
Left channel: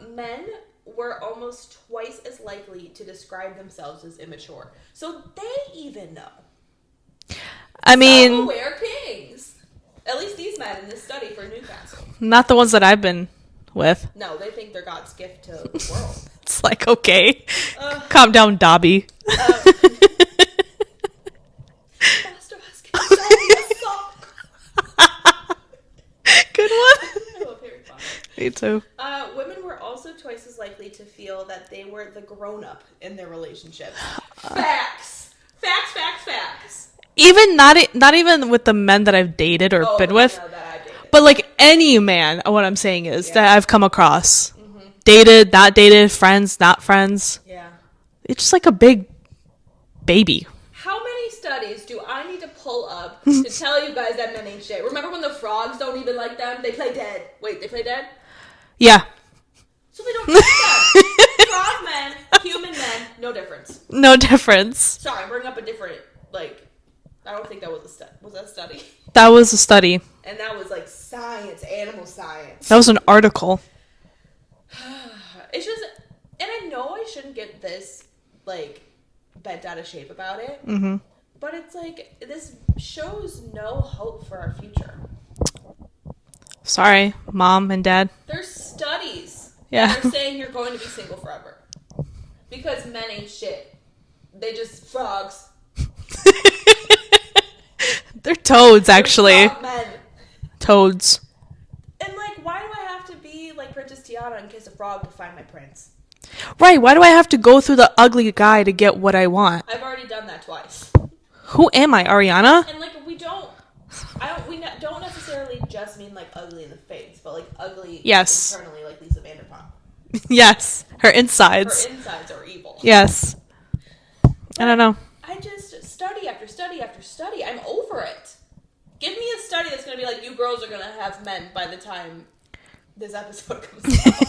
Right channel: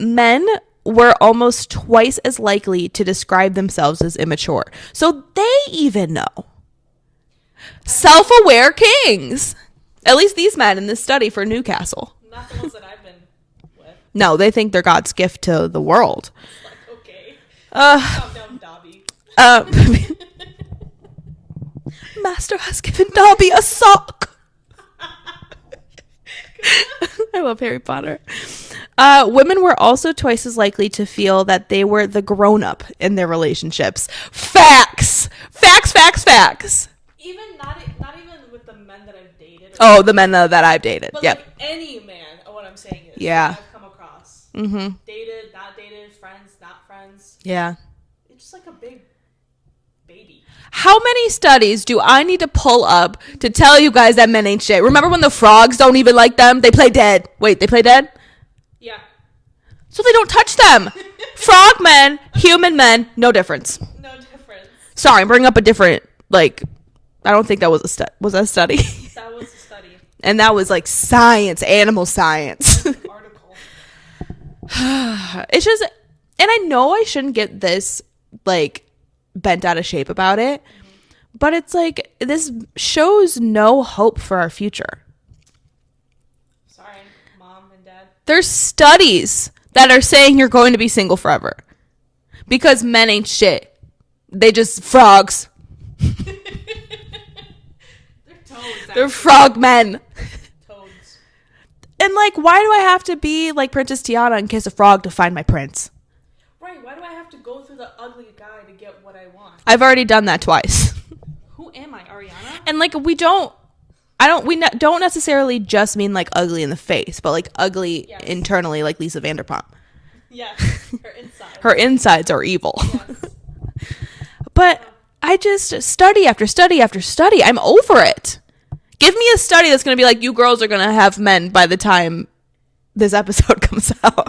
Men were almost twice as likely to describe themselves as immature. So they even know. I mean, self-aware kings. At least these men in this study for Newcastle. Not the ones that I've been with. No, they think they're God's gift to the world. It's like, okay. Calm down, Dobby. Master has given Dobby a sock. Good one. I love Harry Potter. Me too. Women were also twice as likely to feel that they were the grown-up in their relationships. Facts. Even not even with the men that I've dated or the men that I've dated, but like any man. What I'm saying is that I've come across, dated, not dated, friends, not friends. Yeah, it's just like a big baby. How many studies do I need to pull up to tell you guys that men ain't shit? Remember when the frogs don't even like them? They play dead. Wait, they play dead? Yeah. So they don't touch them. Frog men, human men, no difference. No difference. Sorry, I'm bringing up a different, like, I don't think that was was that a study? That was a study. And that was like science, animal science. That was an article. It's just, and I know I shouldn't get this, like, bent out of shape about it, but it's like, this shows no hope for our future. Sorry, mom and dad. There's studies that are saying you're going to be single forever because men ain't shit. They just frogs. They're toads, actually. They're frog men. Toads. And like, why do I have to be like Princess Tiana and kiss a frog to find my prince? Right, why do I have to go through the ugly guy to get what I want? I've already done that twice. Who am I, Ariana? And like, we don't necessarily just mean like ugly in the face, but like ugly internally, like Lisa Vanderpump. Yes, her insides. Her insides are evil. Yes. But I don't know. I just study after study after study. I'm over it. Give me a study that's going to be like, you girls are going to have men by the time this episode comes out.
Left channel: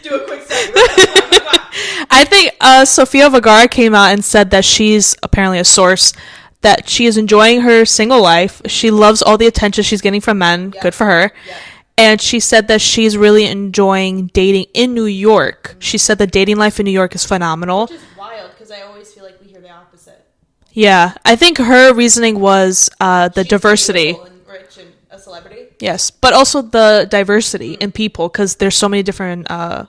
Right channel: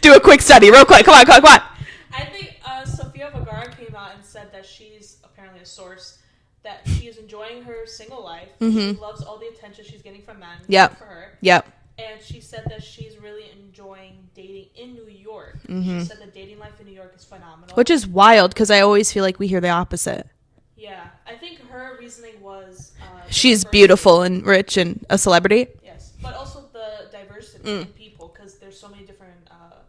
Do a quick study real quick. Come on. I think Sofia Vergara came out and said that she's apparently a source, that she is enjoying her single life. Mm-hmm. She loves all the attention she's getting from men. Yep. Good for her. Yep. And she said that she's really enjoying dating in New York. Mm-hmm. She said the dating life in New York is phenomenal. Which is wild, because I always feel like we hear the opposite. Yeah. I think her reasoning was the she's diversity. She's beautiful and rich and a celebrity. Yes. But also the diversity in people, because there's so many different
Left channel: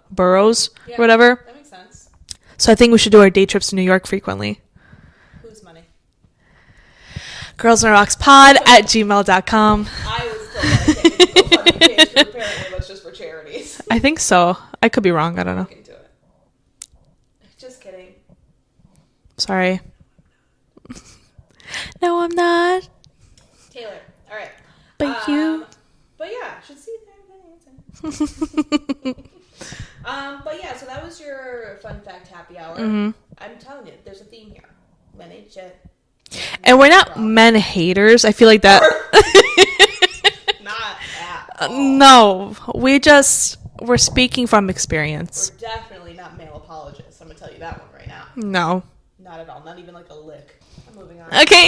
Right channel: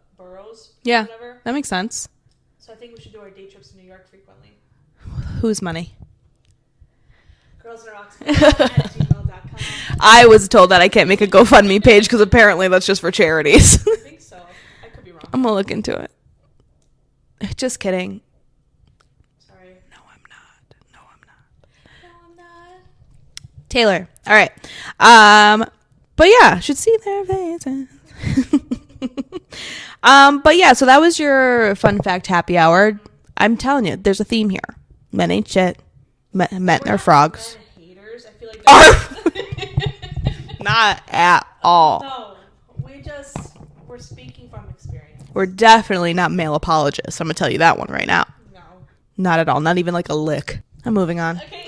boroughs or whatever. That makes sense. So I think we should do our day trips to New York frequently. Whose money? girlsontherockspod@gmail.com. I was told that I can't make a GoFundMe page because apparently that's just for charities. I think so. I could be wrong. I'm gonna look into it. Just kidding. Sorry. No, I'm not. Taylor. All right. But yeah, should see their faces. But yeah, so that was your fun fact happy hour. Mm-hmm. I'm telling you, there's a theme here. Men ain't shit. And we're not men haters. I feel like that. Not at all. No, we're speaking from experience. We're definitely not male apologists. I'm gonna tell you that one right now. No, not at all. Not even like a lick. I'm moving on. Okay.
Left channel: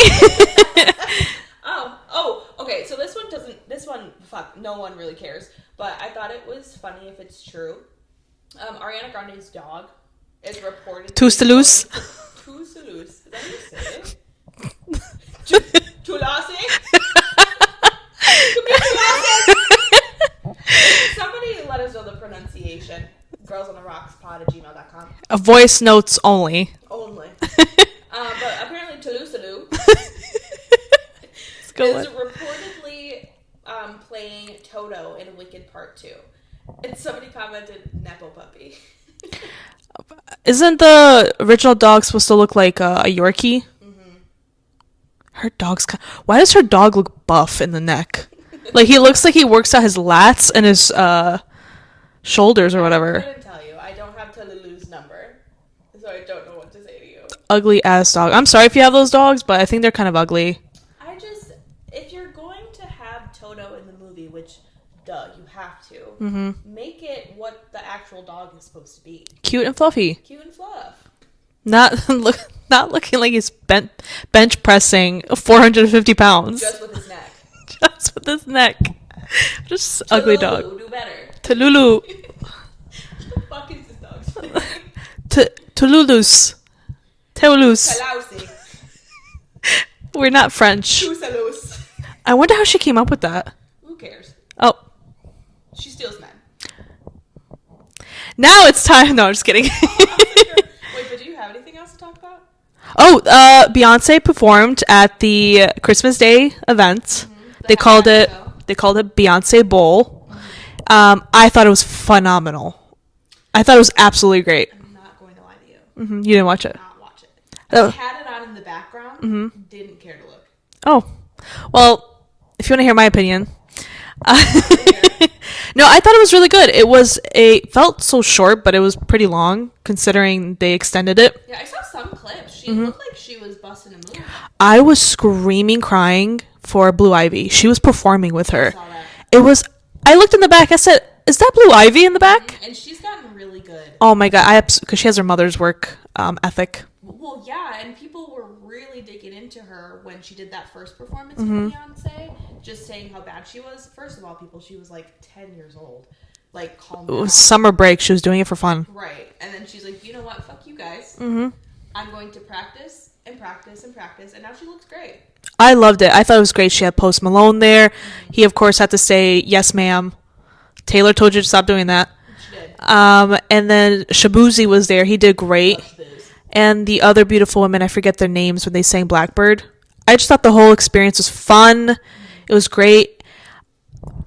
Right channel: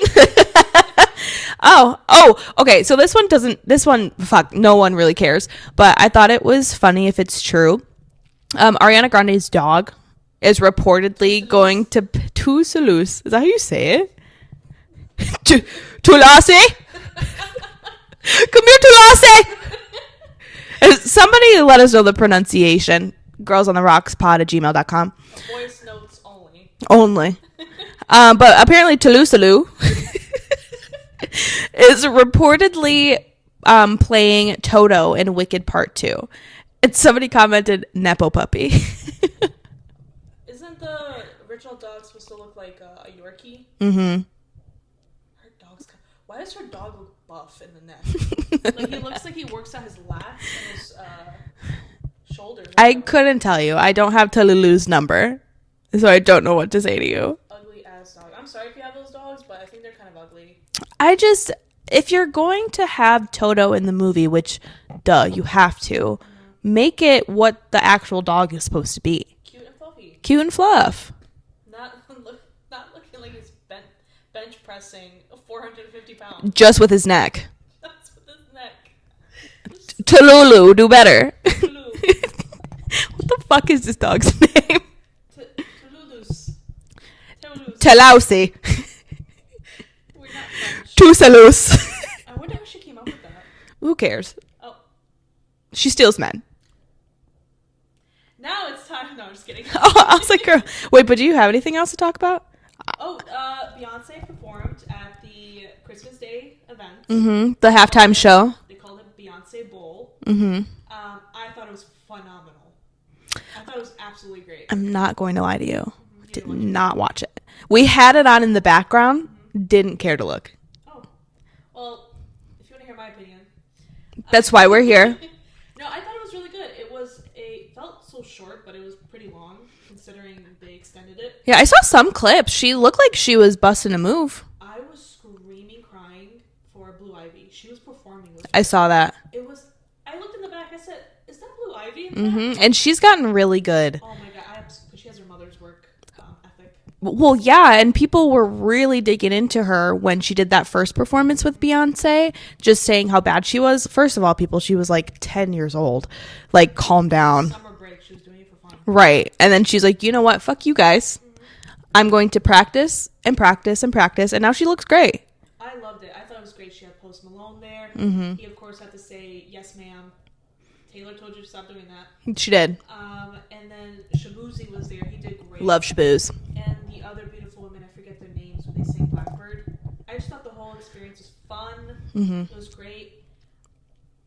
Okay. So this one, fuck, no one really cares. But I thought it was funny if it's true. Ariana Grande's dog is reportedly going to Toulouse. Is that how you say it? Toulouse? Come here, Toulouse! Somebody let us know the pronunciation. girlsontherockspod@gmail.com. Voice notes only. But apparently Toulouse is reportedly playing Toto in Wicked Part 2. And somebody commented, Nepo puppy. Isn't the original dog supposed to look like a Yorkie? Mm-hmm. Her dog's... Why does her dog look buff in the neck? Like, he looks like he works out his lats and his shoulders or whatever. I couldn't tell you. I don't have Toulouse's number. So I don't know what to say to you. Ugly ass dog. I'm sorry if you have those dogs, but I think they're kind of ugly. If you're going to have Toto in the movie, which, duh, you have to, make it what the actual dog is supposed to be. Cute and fluffy. Cute and fluff. Not looking like he's bench pressing 450 pounds. Just with his neck. Just with his neck. Tululu, do better. Tululu. What the fuck is this dog's name? Toulouse. Telausi. We're not French. Toulouse. I wonder how she came up with that. Who cares? Oh. She steals men. Now it's time. No, I'm just kidding. I was like, girl. Wait, but do you have anything else to talk about? Beyonce performed at the Christmas Day event. Mm-hmm. The halftime show. They called it Beyonce Bowl. Mm-hmm. I thought it was phenomenal. I thought it was absolutely great. I'm not going to lie to you. Mm-hmm. You didn't watch it? Not watch it. We had it on in the background. Mm-hmm. Didn't care to look. Oh. Well, if you want to hear my opinion. That's why we're here. No, I thought it was really good. It felt so short, but it was pretty long considering they extended it. Yeah, I saw some clips. She looked like she was busting a move. I was screaming, crying for Blue Ivy. She was performing with her. I saw that. I looked in the back. I said, is that Blue Ivy in the back? And she's gotten really good. Oh my God. Because she has her mother's work ethic. Well, yeah. And people were really digging into her when she did that first performance with Beyonce, just saying how bad she was. First of all, she was like 10 years old. Like, calm down. Summer break. She was doing it for fun. Right. And then she's like, you know what? Fuck you guys. Mm-hmm. I'm going to practice and practice and practice. And now she looks great. I loved it. I thought it was great. She had Post Malone there. Mm-hmm. He, of course, had to say, yes, ma'am. Taylor told you to stop doing that. She did. And then Shabuzi was there. He did great. Love Shabooz. And the other beautiful women, I forget their names when they sang Blackbird. I just thought the whole experience was fun. Mm-hmm. It was great.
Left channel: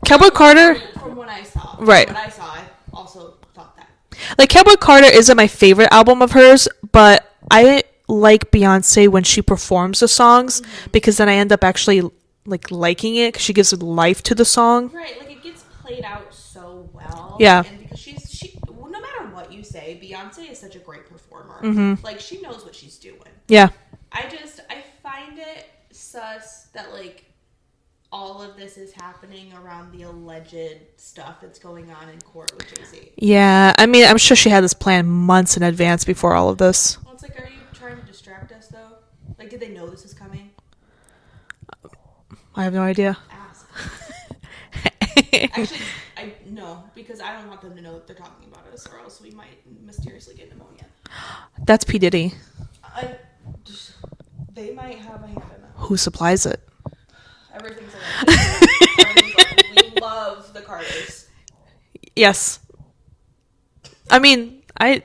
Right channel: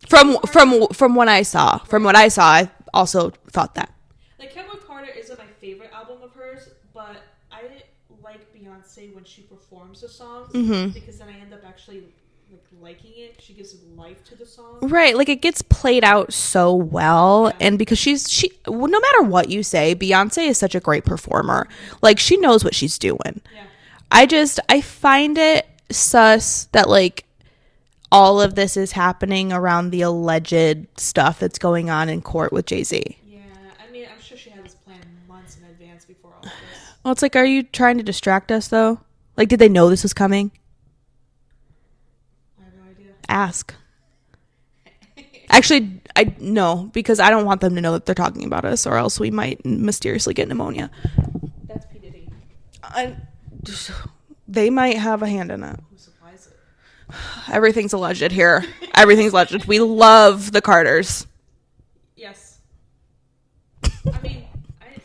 Cowboy Carter. From what I saw. Right. From what I saw, I also thought that. Like, Cowboy Carter isn't my favorite album of hers, but I like Beyonce when she performs the songs because then I end up actually liking it because she gives life to the song. Right. Like, it gets played out so well. Yeah. And because she no matter what you say, Beyonce is such a great performer. Mm-hmm. Like, she knows what she's doing. Yeah. I find it sus that like all of this is happening around the alleged stuff that's going on in court with Jay-Z. Yeah, I mean, I'm sure she had this plan months in advance before all of this. Well, it's like, are you trying to distract us though? Like, did they know this was coming? I have no idea. Ask. Actually, I no, because I don't want them to know that they're talking about us, or else we might mysteriously get pneumonia. That's P. Diddy. They might have a hand in it. Who supplies it? Everything's alleged here. Everything's alleged. We love the Carters. Yes. I mean, I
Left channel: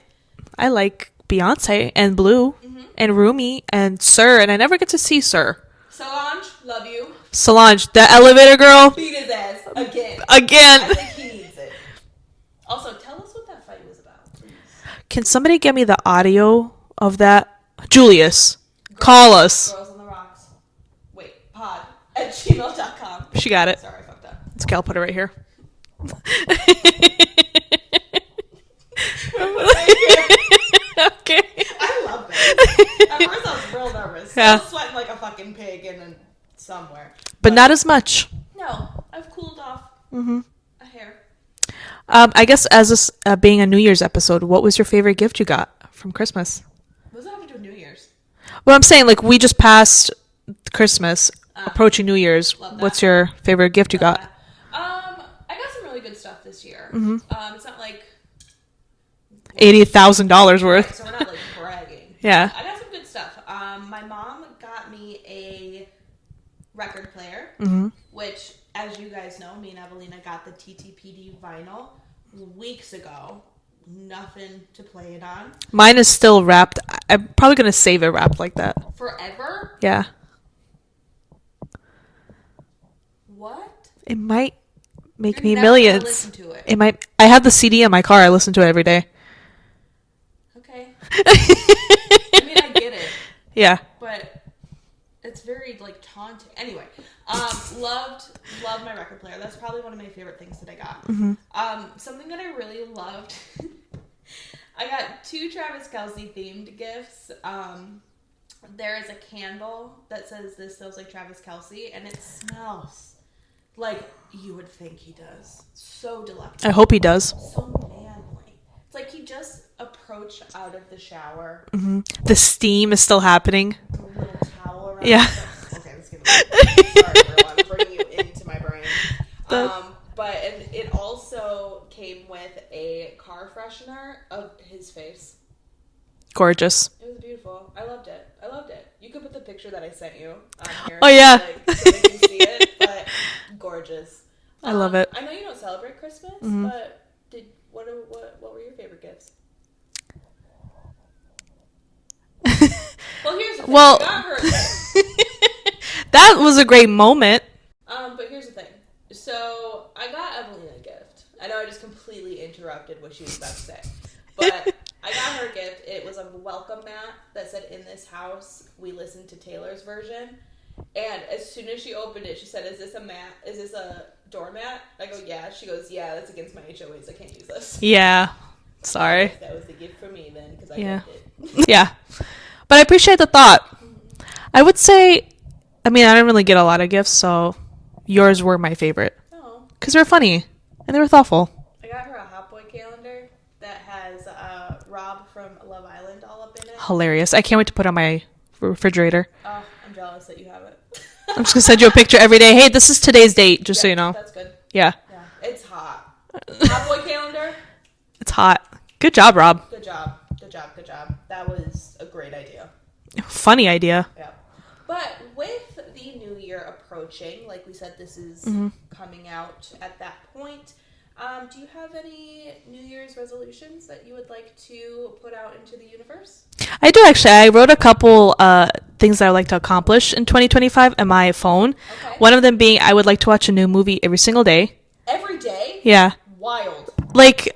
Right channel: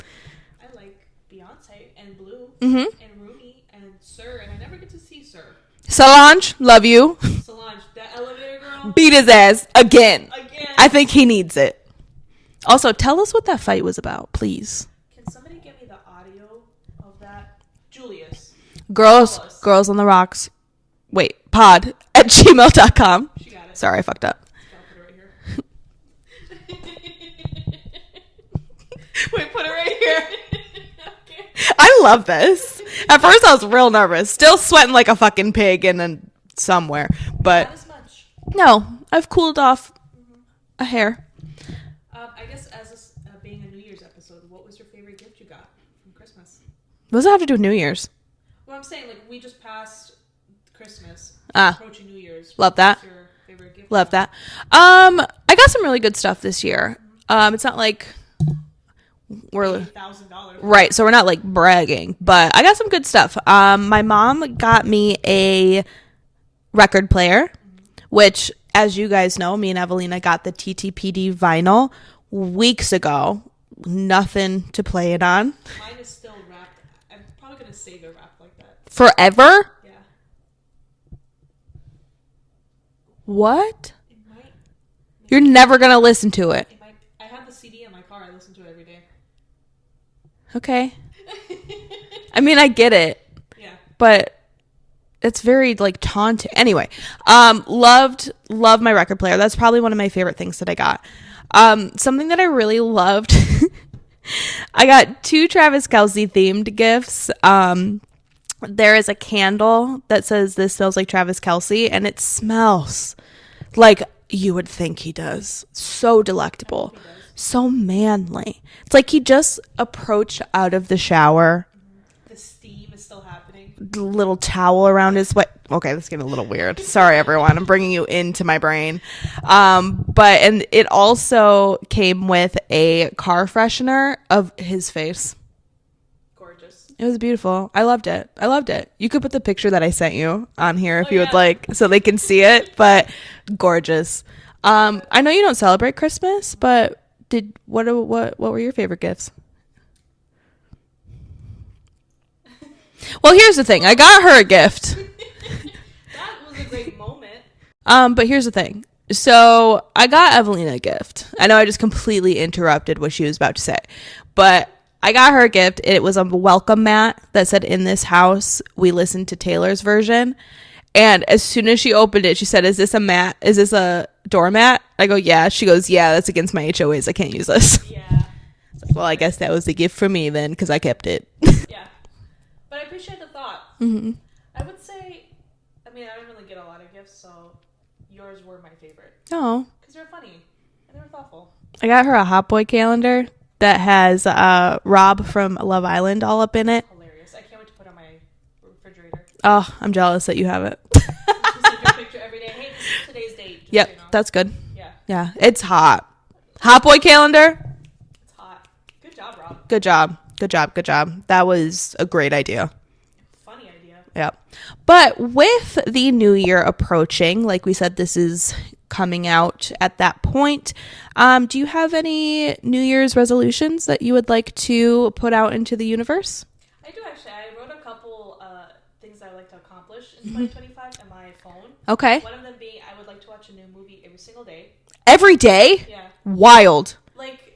like Beyonce and Blue and Rumi and Sir, and I never get to see Sir. Solange, love you. Solange, the elevator girl. Beat his ass again. Again. I think he needs it. Also, tell us what that fight was about, please. Can somebody get me the audio of that? Julius, call us. Girls on the Rocks. Wait, pod at gmail.com. She got it. Sorry, I fucked up. Okay, I'll put it right here. Okay. I love this. At first I was real nervous. Still sweating like a fucking pig and then somewhere. But not as much. No, I've cooled off a hair. I guess as this being a New Year's episode, what was your favorite gift you got from Christmas? What does that have to do with New Year's? Well, I'm saying, like, we just passed Christmas, approaching New Year's. Love that. What's your favorite gift you got? Love that. I got some really good stuff this year. It's not like $80,000 worth. Right, so we're not like bragging, Yeah. but I got some good stuff. My mom got me a record player, which, as you guys know, me and Evelina got the TTPD vinyl weeks ago. Nothing to play it on. Mine is still wrapped. I'm probably going to save it wrapped like that. Forever? Yeah. What? It might make You're me never going to millions. listen to it. It might. I have the CD in my car. I listen to it every day. Okay. I mean, I get it, Yeah. but it's very like taunting. Anyway, loved my record player. That's probably one of my favorite things that I got. Something that I really loved. I got 2 Travis Kelce themed gifts. There is a candle that says "This smells like Travis Kelce," and it smells like you would think he does. So delectable. I hope he does. So manly. It's like he just approached out of the shower. The steam is still happening. The little towel around Yeah. his waist. Okay, this is getting a little weird. Sorry, everyone. I'm bringing you into my brain. And it also came with a car freshener of his face. Gorgeous. It was beautiful. I loved it. You could put the picture that I sent you on here if Oh, you'd yeah. like, so they can see it. But gorgeous. I love it. I know you don't celebrate Christmas, but what were your favorite gifts? Well, here's the thing. I got her a gift. That was a great moment. But here's the thing. So I got Evelina a gift. I know I just completely interrupted what she was about to say, but I got her a gift. It was a welcome mat that said, "In this house, we listen to Taylor's version." And as soon as she opened it, she said, "Is this a mat? Is this a doormat?" I go, "Yeah." She goes, "Yeah, that's against my HOAs. I can't use this." Yeah. So I guess that was a gift for me then, because I kept it. Yeah. But I appreciate the thought. I would say, I mean, I didn't really get a lot of gifts, so yours were my favorite. Oh, Because they were funny and they were thoughtful. I got her a Hot Boy calendar that has Rob from Love Island all up in it. Hilarious. I can't wait to put it on my refrigerator. Oh, I'm jealous that you have it. I'm just going to send you a picture every day. Hey, this is today's date, just so you know. That's good. Yeah. Yeah, it's hot. Hot Boy calendar. It's hot. Good job, Rob. Good job. That was a great idea. Funny idea. Yeah. But with the new year approaching, like we said, this is coming out at that point. Do you have any New Year's resolutions that you would like to put out into the universe? I do, actually. I wrote a couple things that I would like to accomplish in 2025 on my phone. Okay. One of them being I would like to watch a new movie every single day. Every day? Yeah. Wild. Like,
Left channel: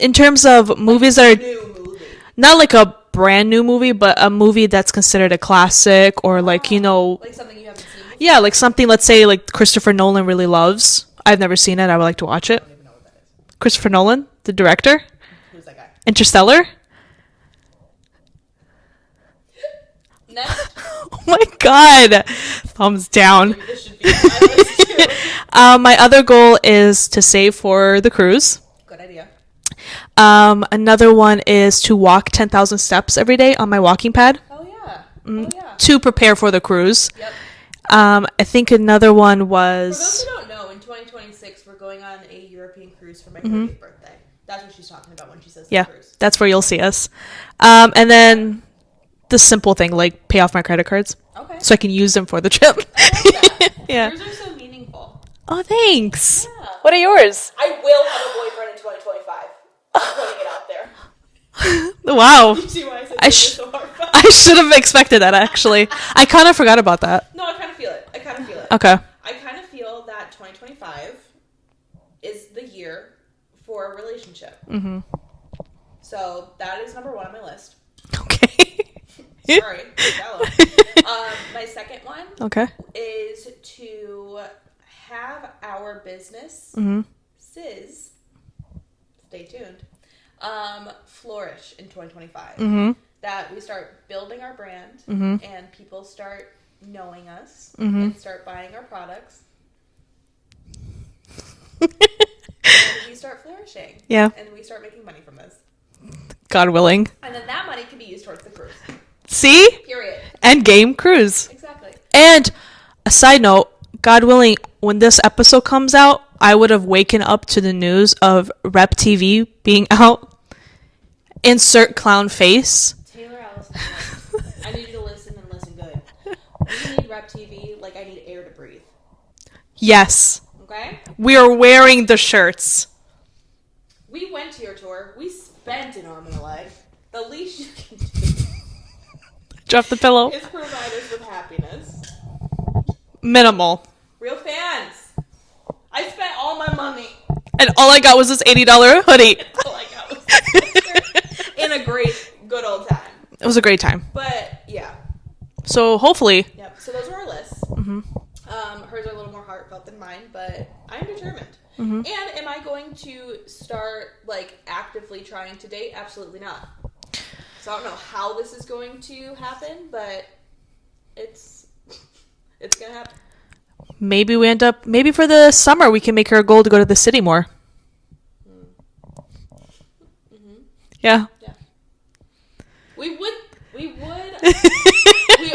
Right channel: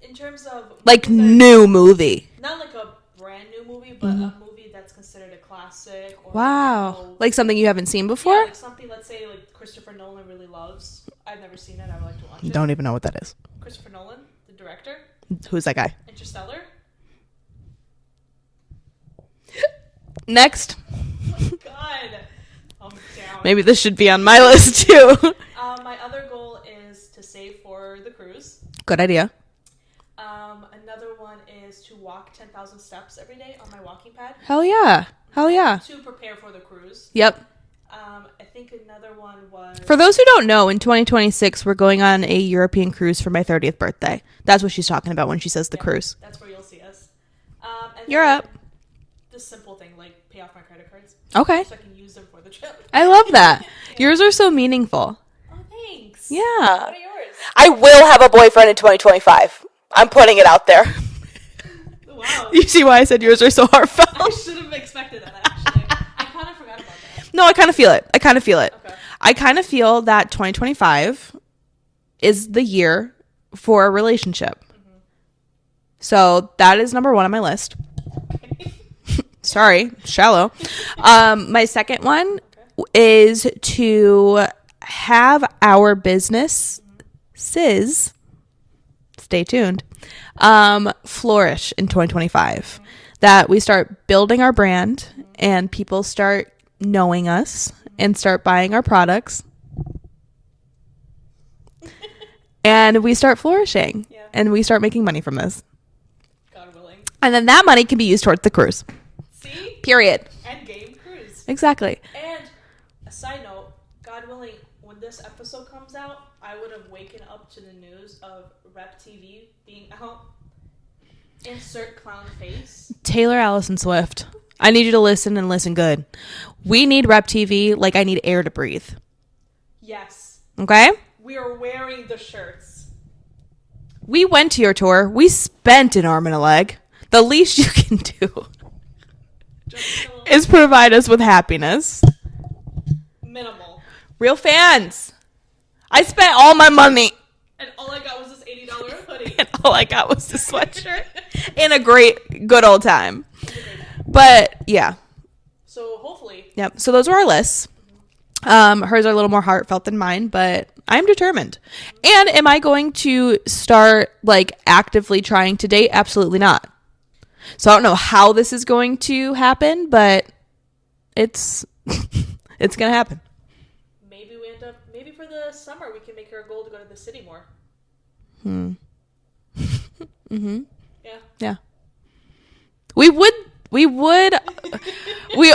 in terms of movies that are new movie. not like a brand new movie, but a movie that's considered a classic, or like, you know, like something you haven't seen before? yeah, like something, let's say, like Christopher Nolan really loves. I've never seen it. I would like to watch I it. don't even know what that is. Christopher Nolan, the director. Who's that guy? Interstellar. Next. Oh my god. Thumbs down. Maybe this should be on my list too. My other goal is to save for the cruise. Good idea. Another one is to walk 10,000 steps every day on my walking pad. Hell yeah. Hell yeah. To prepare for the cruise. Yep. I think another one was... For those who don't know, in 2026, we're going on a European cruise for my 30th birthday. That's what she's talking about when she says the cruise. That's where you'll see us. And then the simple thing, like pay off my credit cards. Okay. So I can use them for the trip. I love that. Yeah. Yours are so meaningful. Oh, thanks. Yeah. What are yours? I will have a boyfriend in 2025. I'm putting it out there. Wow. You see why I said yours are so heartfelt? I should have expected that, actually. I kind of forgot about that. No, I kind of feel it. Okay. I kind of feel that 2025 is the year for a relationship. Mm-hmm. So that is number 1 on my list. Okay. Sorry, shallow. My second one is to have our business, Sis, stay tuned, flourish in 2025. That we start building our brand and people start knowing us and start buying our products. And we start flourishing. Yeah. And we start making money from this. God willing. And then that money can be used towards the cruise. See? Period. End game cruise. Exactly. And a side note, God willing, when this episode comes out, I would have waken up to the news of Rep TV being out. Insert clown face. Taylor Allison Swift. I need you to listen and listen good. We need Rep TV like I need air to breathe. Yes. Okay? We are wearing the shirts. We went to your tour. We spent an arm and a leg. The least you can do Drop the pillow. is provide us with happiness. Minimal. Real fans. I spent all my money. And all I got was this $80 hoodie. And all I got was this sweatshirt. In a good old time. It was a great time. But yeah. So hopefully. Yep. So those were our lists. Hers are a little more heartfelt than mine, but I'm determined. And am I going to start like actively trying to date? Absolutely not. So I don't know how this is going to happen, but it's it's gonna happen. Maybe for the summer we can make her a goal to go to the city more. Yeah. We would we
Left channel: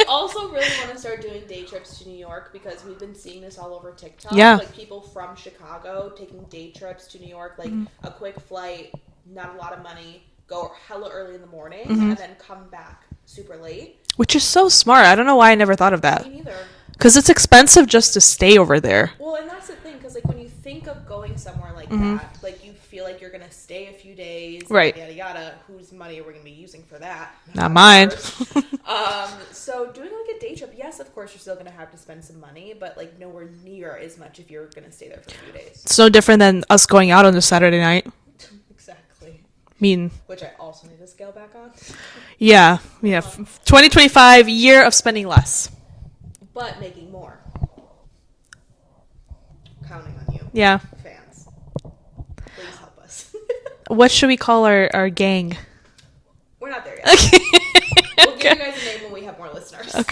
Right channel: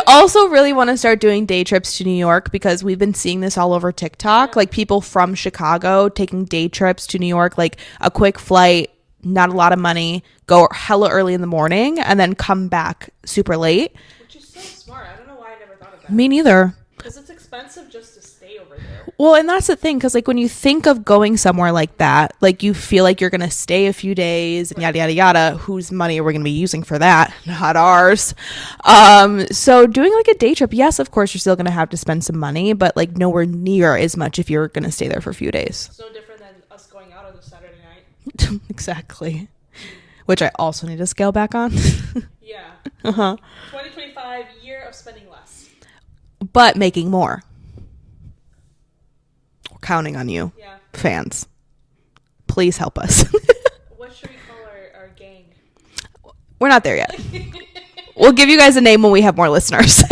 also really want to start doing day trips to New York because we've been seeing this all over TikTok. Yeah. Like people from Chicago taking day trips to New York, like a quick flight, not a lot of money, go hella early in the morning and then come back super late. Which is so smart. I don't know why I never thought of that. Me neither. Because it's expensive just to stay over there. Well, and that's the thing, because like when you think of going somewhere like that, like you feel like you're gonna stay a few days, Right. yada yada yada. Whose money are we gonna be using for that? Not mine. ours. So doing like a day trip, yes, of course you're still gonna have to spend some money, but like nowhere near as much if you're gonna stay there for a few days. It's no different than us going out on a Saturday night. Exactly. I mean, Which I also need to scale back on. yeah. 2025, year of spending less. But making more. We're counting on you. Yeah. Fans. Please help us. What should we call our gang? We're not there yet. We'll give you guys a name when we have more listeners.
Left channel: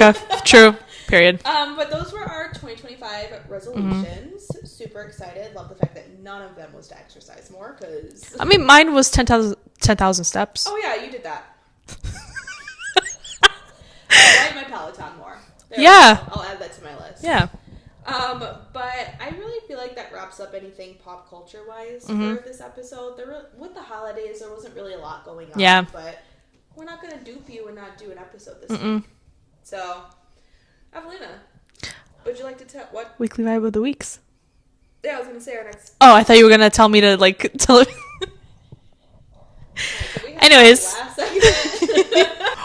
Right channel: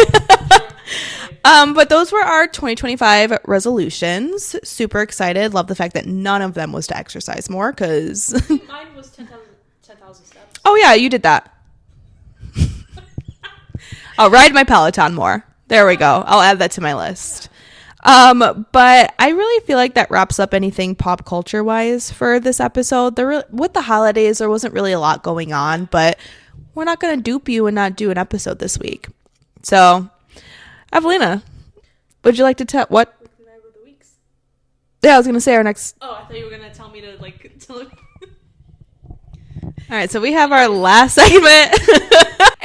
True. Period. But those were our 2025 resolutions. Super excited. Love the fact that none of them was to exercise more because I mean, mine was 10,000 steps. oh yeah, you did that. I'll ride my Peloton more. There we Yeah. go. I'll add that to my list. Yeah. But I really feel like that wraps up anything pop culture wise for this episode. With the holidays, there wasn't really a lot going on, Yeah. but we're not going to dupe you and not do an episode this week. So, Evelina, would you like to tell what Weekly vibe of the weeks. Yeah, I was going to say our next. Oh, I thought you were going to tell me to like tell it. All right, so we have Anyways. our last segment,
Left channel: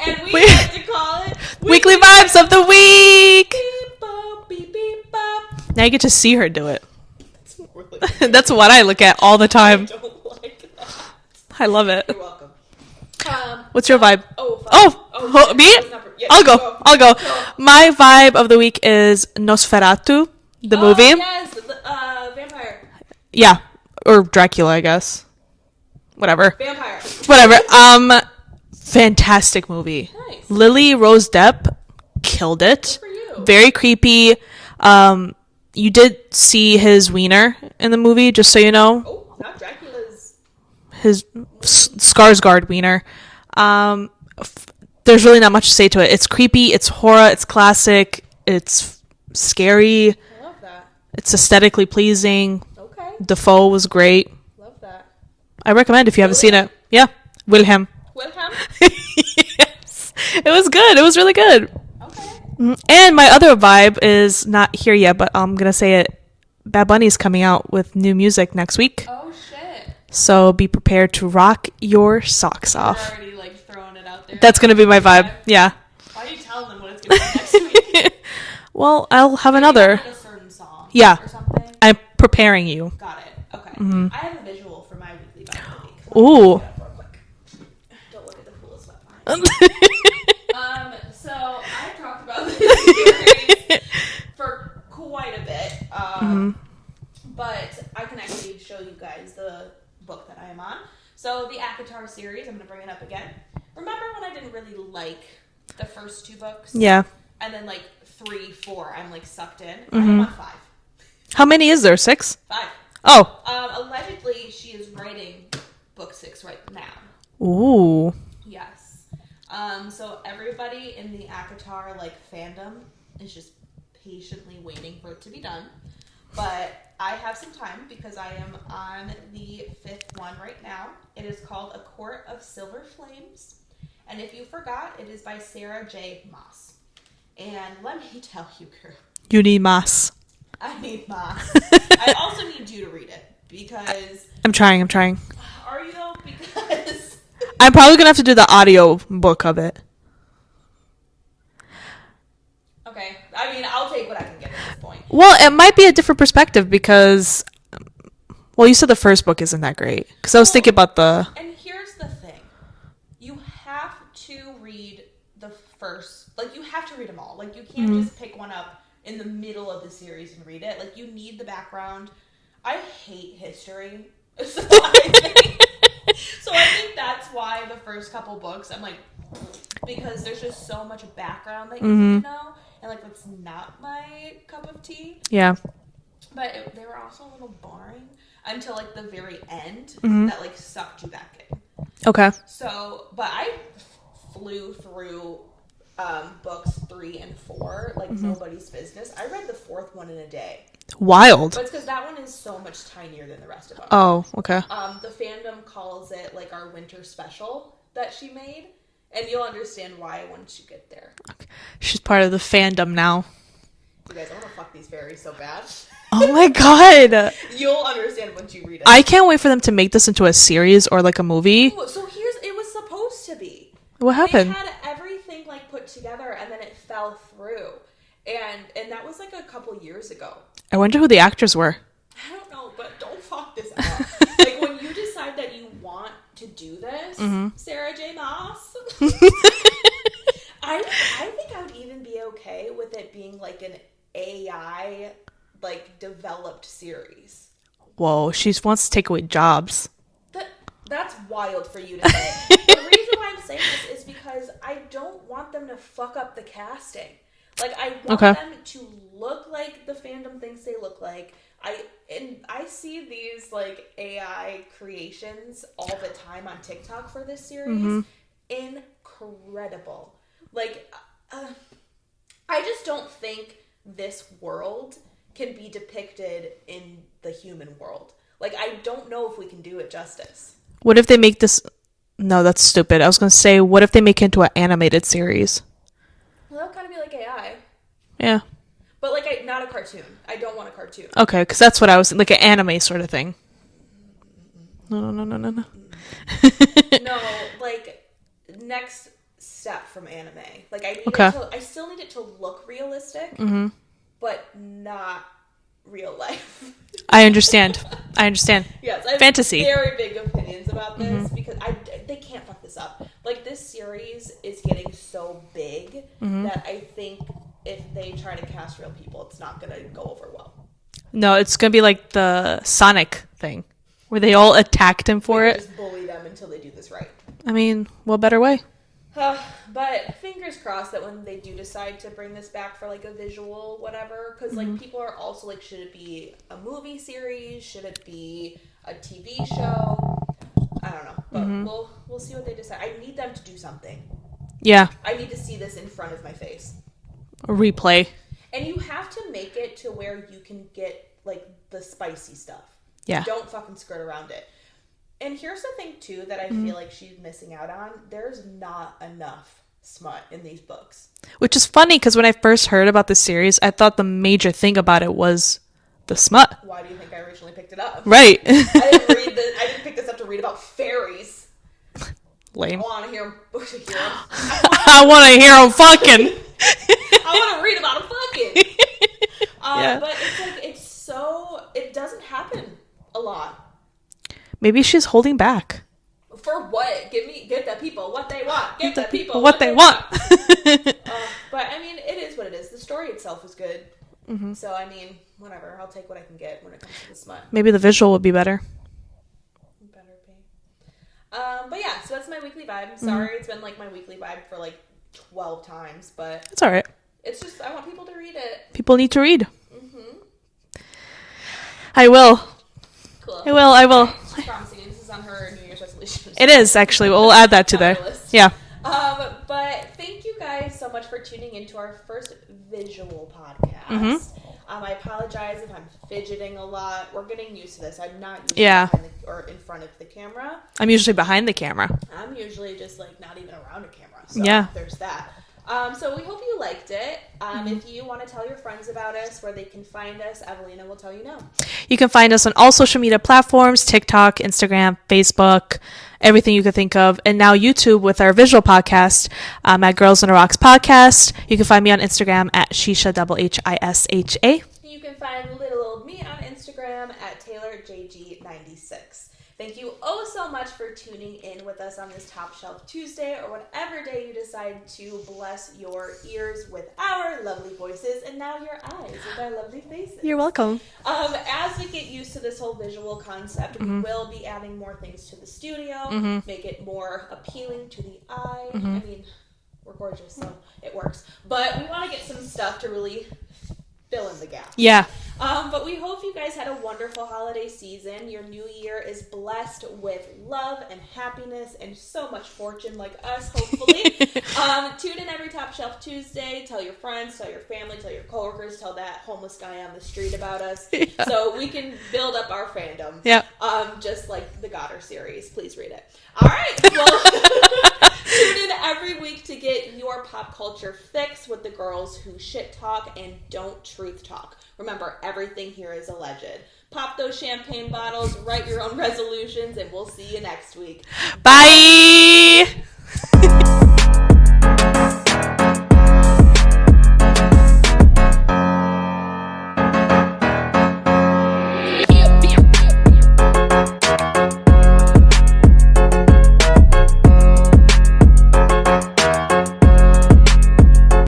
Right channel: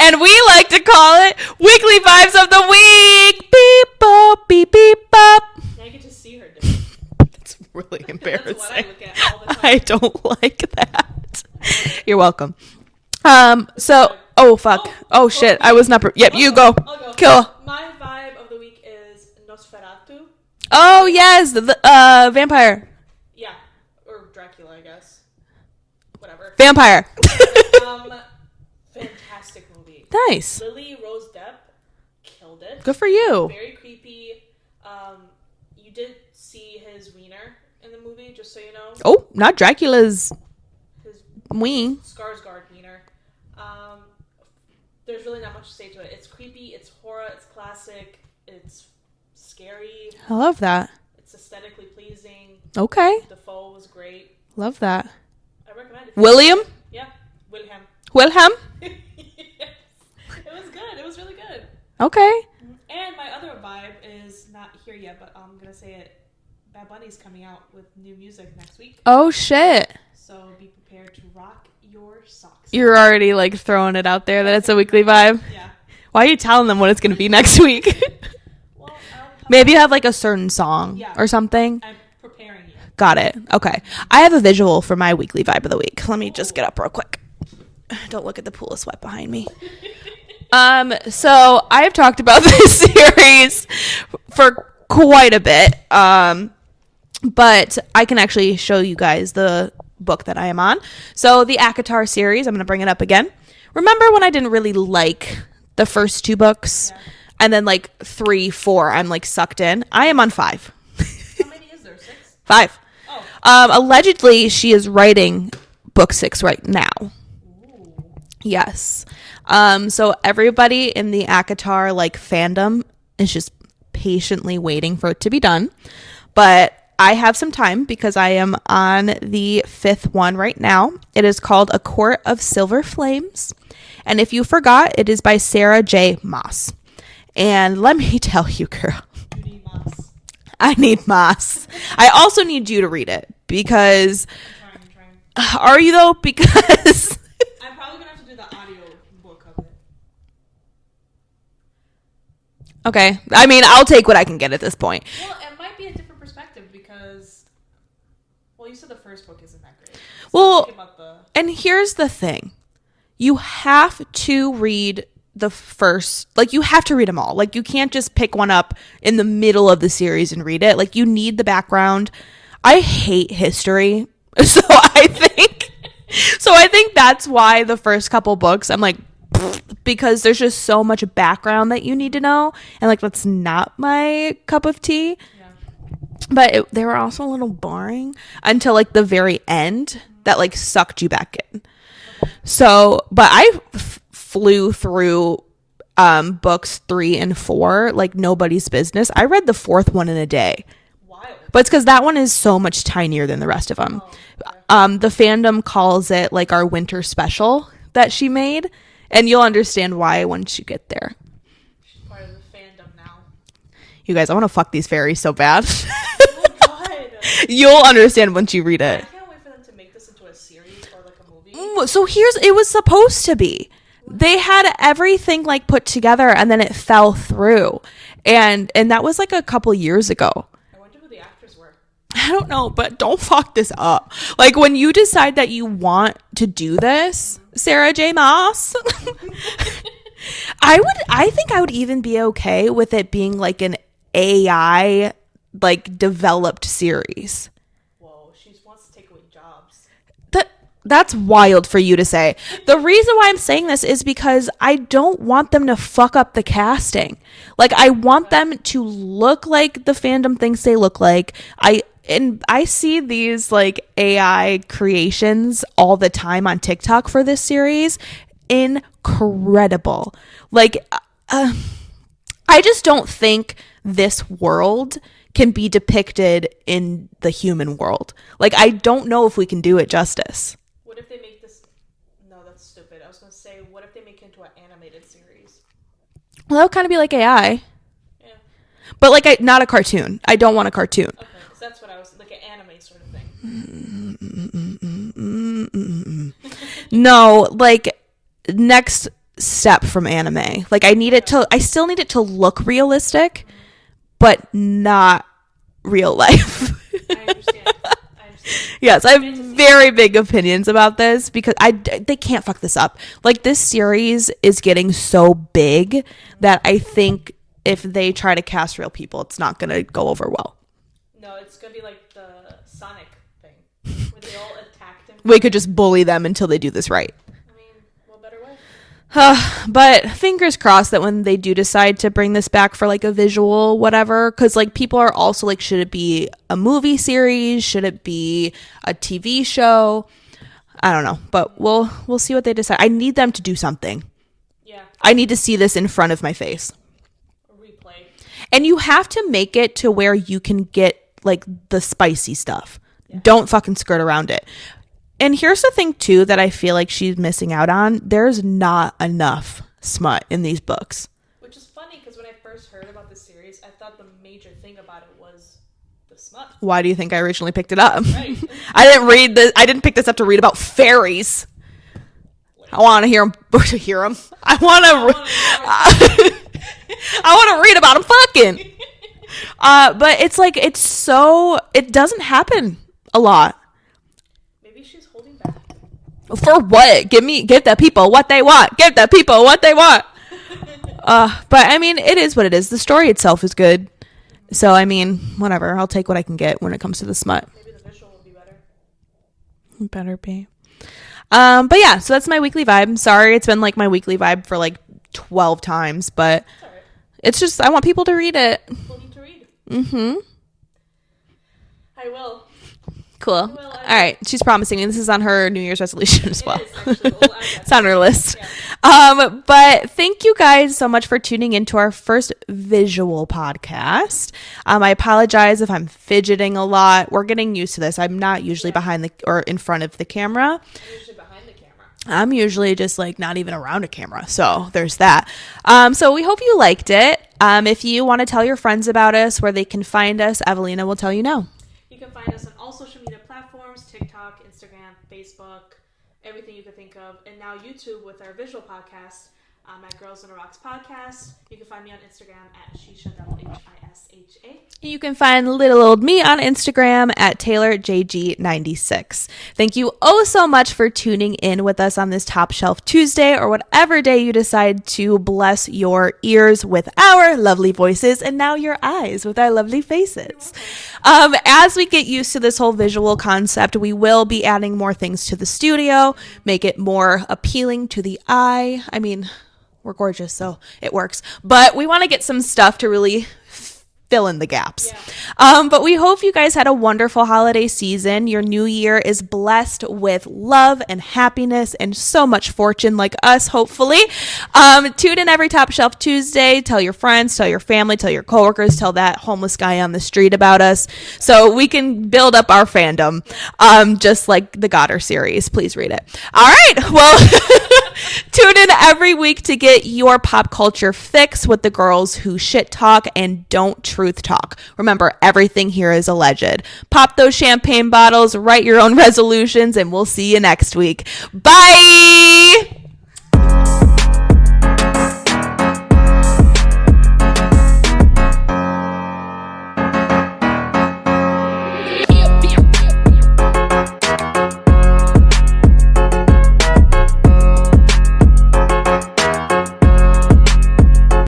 and we like to call it Weekly Vibes of the Week. Beep, bop, beep, beep, bop. Now you get to see her do it. That's really That's what I look at all the I time. don't like that. I love it. You're welcome. What's your vibe? Oh, fuck. Oh shit. me? I was not. Yeah, I'll you go. I'll go. Cool. My vibe of the week is Nosferatu, the Oh movie. yes, the vampire. Yeah, or Dracula, I guess. Whatever. Vampire. Whatever. Fantastic movie. Nice. Lily Rose Depp. killed it. Good for you. Very creepy. You did see his wiener in the movie, just so you know. Oh, not Dracula's. His Ween. Skarsgård wiener. There's really not much to say to it. It's creepy. It's horror. It's classic. It's scary. I love that. It's aesthetically pleasing. Okay. Defoe was great. Love that. I recommend if you haven't seen William? it. Yeah. Wilhelm. Yes. It was good. It was really good. Okay. And my other vibe is not here yet, but I'm going to say it. Bad Bunny's coming out with new music next week. Oh, shit. So be prepared to rock your socks off. You're already like throwing it out there. That's going to be my weekly vibe. Yeah. Why are you telling them what it's going to be next week? Well, I'll have Maybe you have another. like a certain song. Yeah. Or something. I'm preparing you. Got it. Okay. I have a visual for my weekly vibe of the week. Let me Ooh. just get up real quick. Don't look at the pool of sweat behind me. So I have talked about this series for quite a bit. But I can actually show you guys the book that I am on. So the ACOTAR series, I'm going to bring it up again. Remember when I didn't really like the first two books? Yeah. And then like 3, 4, I'm like sucked in. I am on 5. How many is there? 6? 5. Oh. Allegedly, she is writing book 6 right now. Ooh. Yes. So everybody in the ACOTAR like fandom is just patiently waiting for it to be done. But I have some time because I am on the 5th one right now. It is called A Court of Silver Flames. And if you forgot, it is by Sarah J. Maas. And let me tell you, girl. You need mass. I need Maas. I also need you to read it because... I'm trying. Are you though? Because... I'm probably going to have to do the audio book of it. Okay. I mean, I'll take what I can get at this point. Well, it might be a different perspective because... Well, you said the first book isn't that great. Because I was thinking about the... And here's the thing. You have to read the first... Like, you have to read them all. Like, you can't just pick one up in the middle of the series and read it. Like, you need the background. I hate history. So I think that's why the first couple books, I'm like... Because there's just so much background that you need to know. And, like, that's not my cup of tea. Yeah. But they were also a little boring until, like, the very end that, like, sucked you back in. Okay. So, but I flew through books 3 and 4 like nobody's business. I read the 4th one in a day. Wild. But it's because that one is so much tinier than the rest of them. Oh, okay. The fandom calls it, like, our winter special that she made. And you'll understand why once you get there. She's part of the fandom now. You guys, I want to fuck these fairies so bad. Oh my god. You'll understand once you read it. I can't wait for them to make this into a series or like a movie. So it was supposed to be. What They happened? had everything like put together and then it fell through. And that was like a couple years ago. I wonder who the actors were. I don't know, but don't fuck this up. Like when you decide that you want to do this, Sarah J. Maas, I think I would even be okay with it being like an AI like developed series. Whoa, she wants to take away jobs. That's wild for you to say. The reason why I'm saying this is because I don't want them to fuck up the casting. Like I want them to look like the fandom thinks they look like. I see these like AI creations all the time on TikTok for this series. Incredible. Like I just don't think this world can be depicted in the human world. Like I don't know if we can do it justice. What if they make this... No, that's stupid. I was going to say, what if they make it into an animated series? Well, that would kind of be like AI. Yeah. But like not a cartoon. I don't want a cartoon. Okay, because that's what I was... Like an anime sort of thing. No, like next step from anime. Like I still need it to look realistic, but not real life. I understand. Yes, I have Fantasy. very big opinions about this because they can't fuck this up. Like this series is getting so big that I think if they try to cast real people, it's not going to go over well. No, it's going to be like the Sonic thing where they all attacked him for We it. could just bully them until they do this right. I mean, what better way? But fingers crossed that when they do decide to bring this back for like a visual whatever, because like people are also like, should it be a movie series, should it be a TV show? I don't know, but we'll see what they decide. I need them to do something. Yeah, I need to see this in front of my face. a replay. And you have to make it to where you can get like the spicy stuff. Yeah. Don't fucking skirt around it. And here's the thing too that I feel like she's missing out on. There's not enough smut in these books. Which is funny because when I first heard about this series, I thought the major thing about it was the smut. Why do you think I originally picked it up? Right. I didn't pick this up to read about fairies. Lame. I want to hear them. I want to hear them fucking. I want to read about them fucking. But it's like, it doesn't happen a lot. Maybe she's holding back. For what? Give the people what they want. Give the people what they want. But I mean, it is what it is. The story itself is good. Mm-hmm. So I mean, whatever. I'll take what I can get when it comes to the smut. Maybe the visual would be better. Better be. But yeah, so that's my weekly vibe. Sorry, it's been like my weekly vibe for like 12 times, but it's all right. It's just I want people to read it. People need to read. Mm-hmm. I will. Cool. I will. All right. She's promising me. This is on her New Year's resolution. It is actually. We'll add that to on her list. Yeah. But thank you guys so much for tuning into our first visual podcast. I apologize if I'm fidgeting a lot. We're getting used to this. I'm not usually behind or in front of the camera. I'm usually behind the camera. I'm usually just like not even around a camera. So there's that. So we hope you liked it. If you want to tell your friends about us, where they can find us, Evelina will tell you now. You can find us on all social media platforms, TikTok, Instagram, Facebook, everything you could think of. And now YouTube with our visual podcast at Girls on the Rocks Podcast. You can find me on Instagram at Shisha HISHA. You can find little old me on Instagram at TaylorJG96. Thank you so much for tuning in with us on this Top Shelf Tuesday, or whatever day you decide to bless your ears with our lovely voices and now your eyes with our lovely faces. You're welcome. As we get used to this whole visual concept, we will be adding more things to the studio, make it more appealing to the eye. I mean, we're gorgeous, so it works. But we want to get some stuff to really fill in the gaps. Yeah. But we hope you guys had a wonderful holiday season. Your new year is blessed with love and happiness and so much fortune like us, hopefully. Tune in every Top Shelf Tuesday. Tell your friends, tell your family, tell your coworkers, tell that homeless guy on the street about us so we can build up our fandom. Yeah. Just like the Goddard series. Please read it. All right. Well, tune in every week to get your pop culture fix with the girls who shit talk and don't truth talk. Remember, everything here is alleged. Pop those champagne bottles, write your own resolutions, and we'll see you next week. Bye!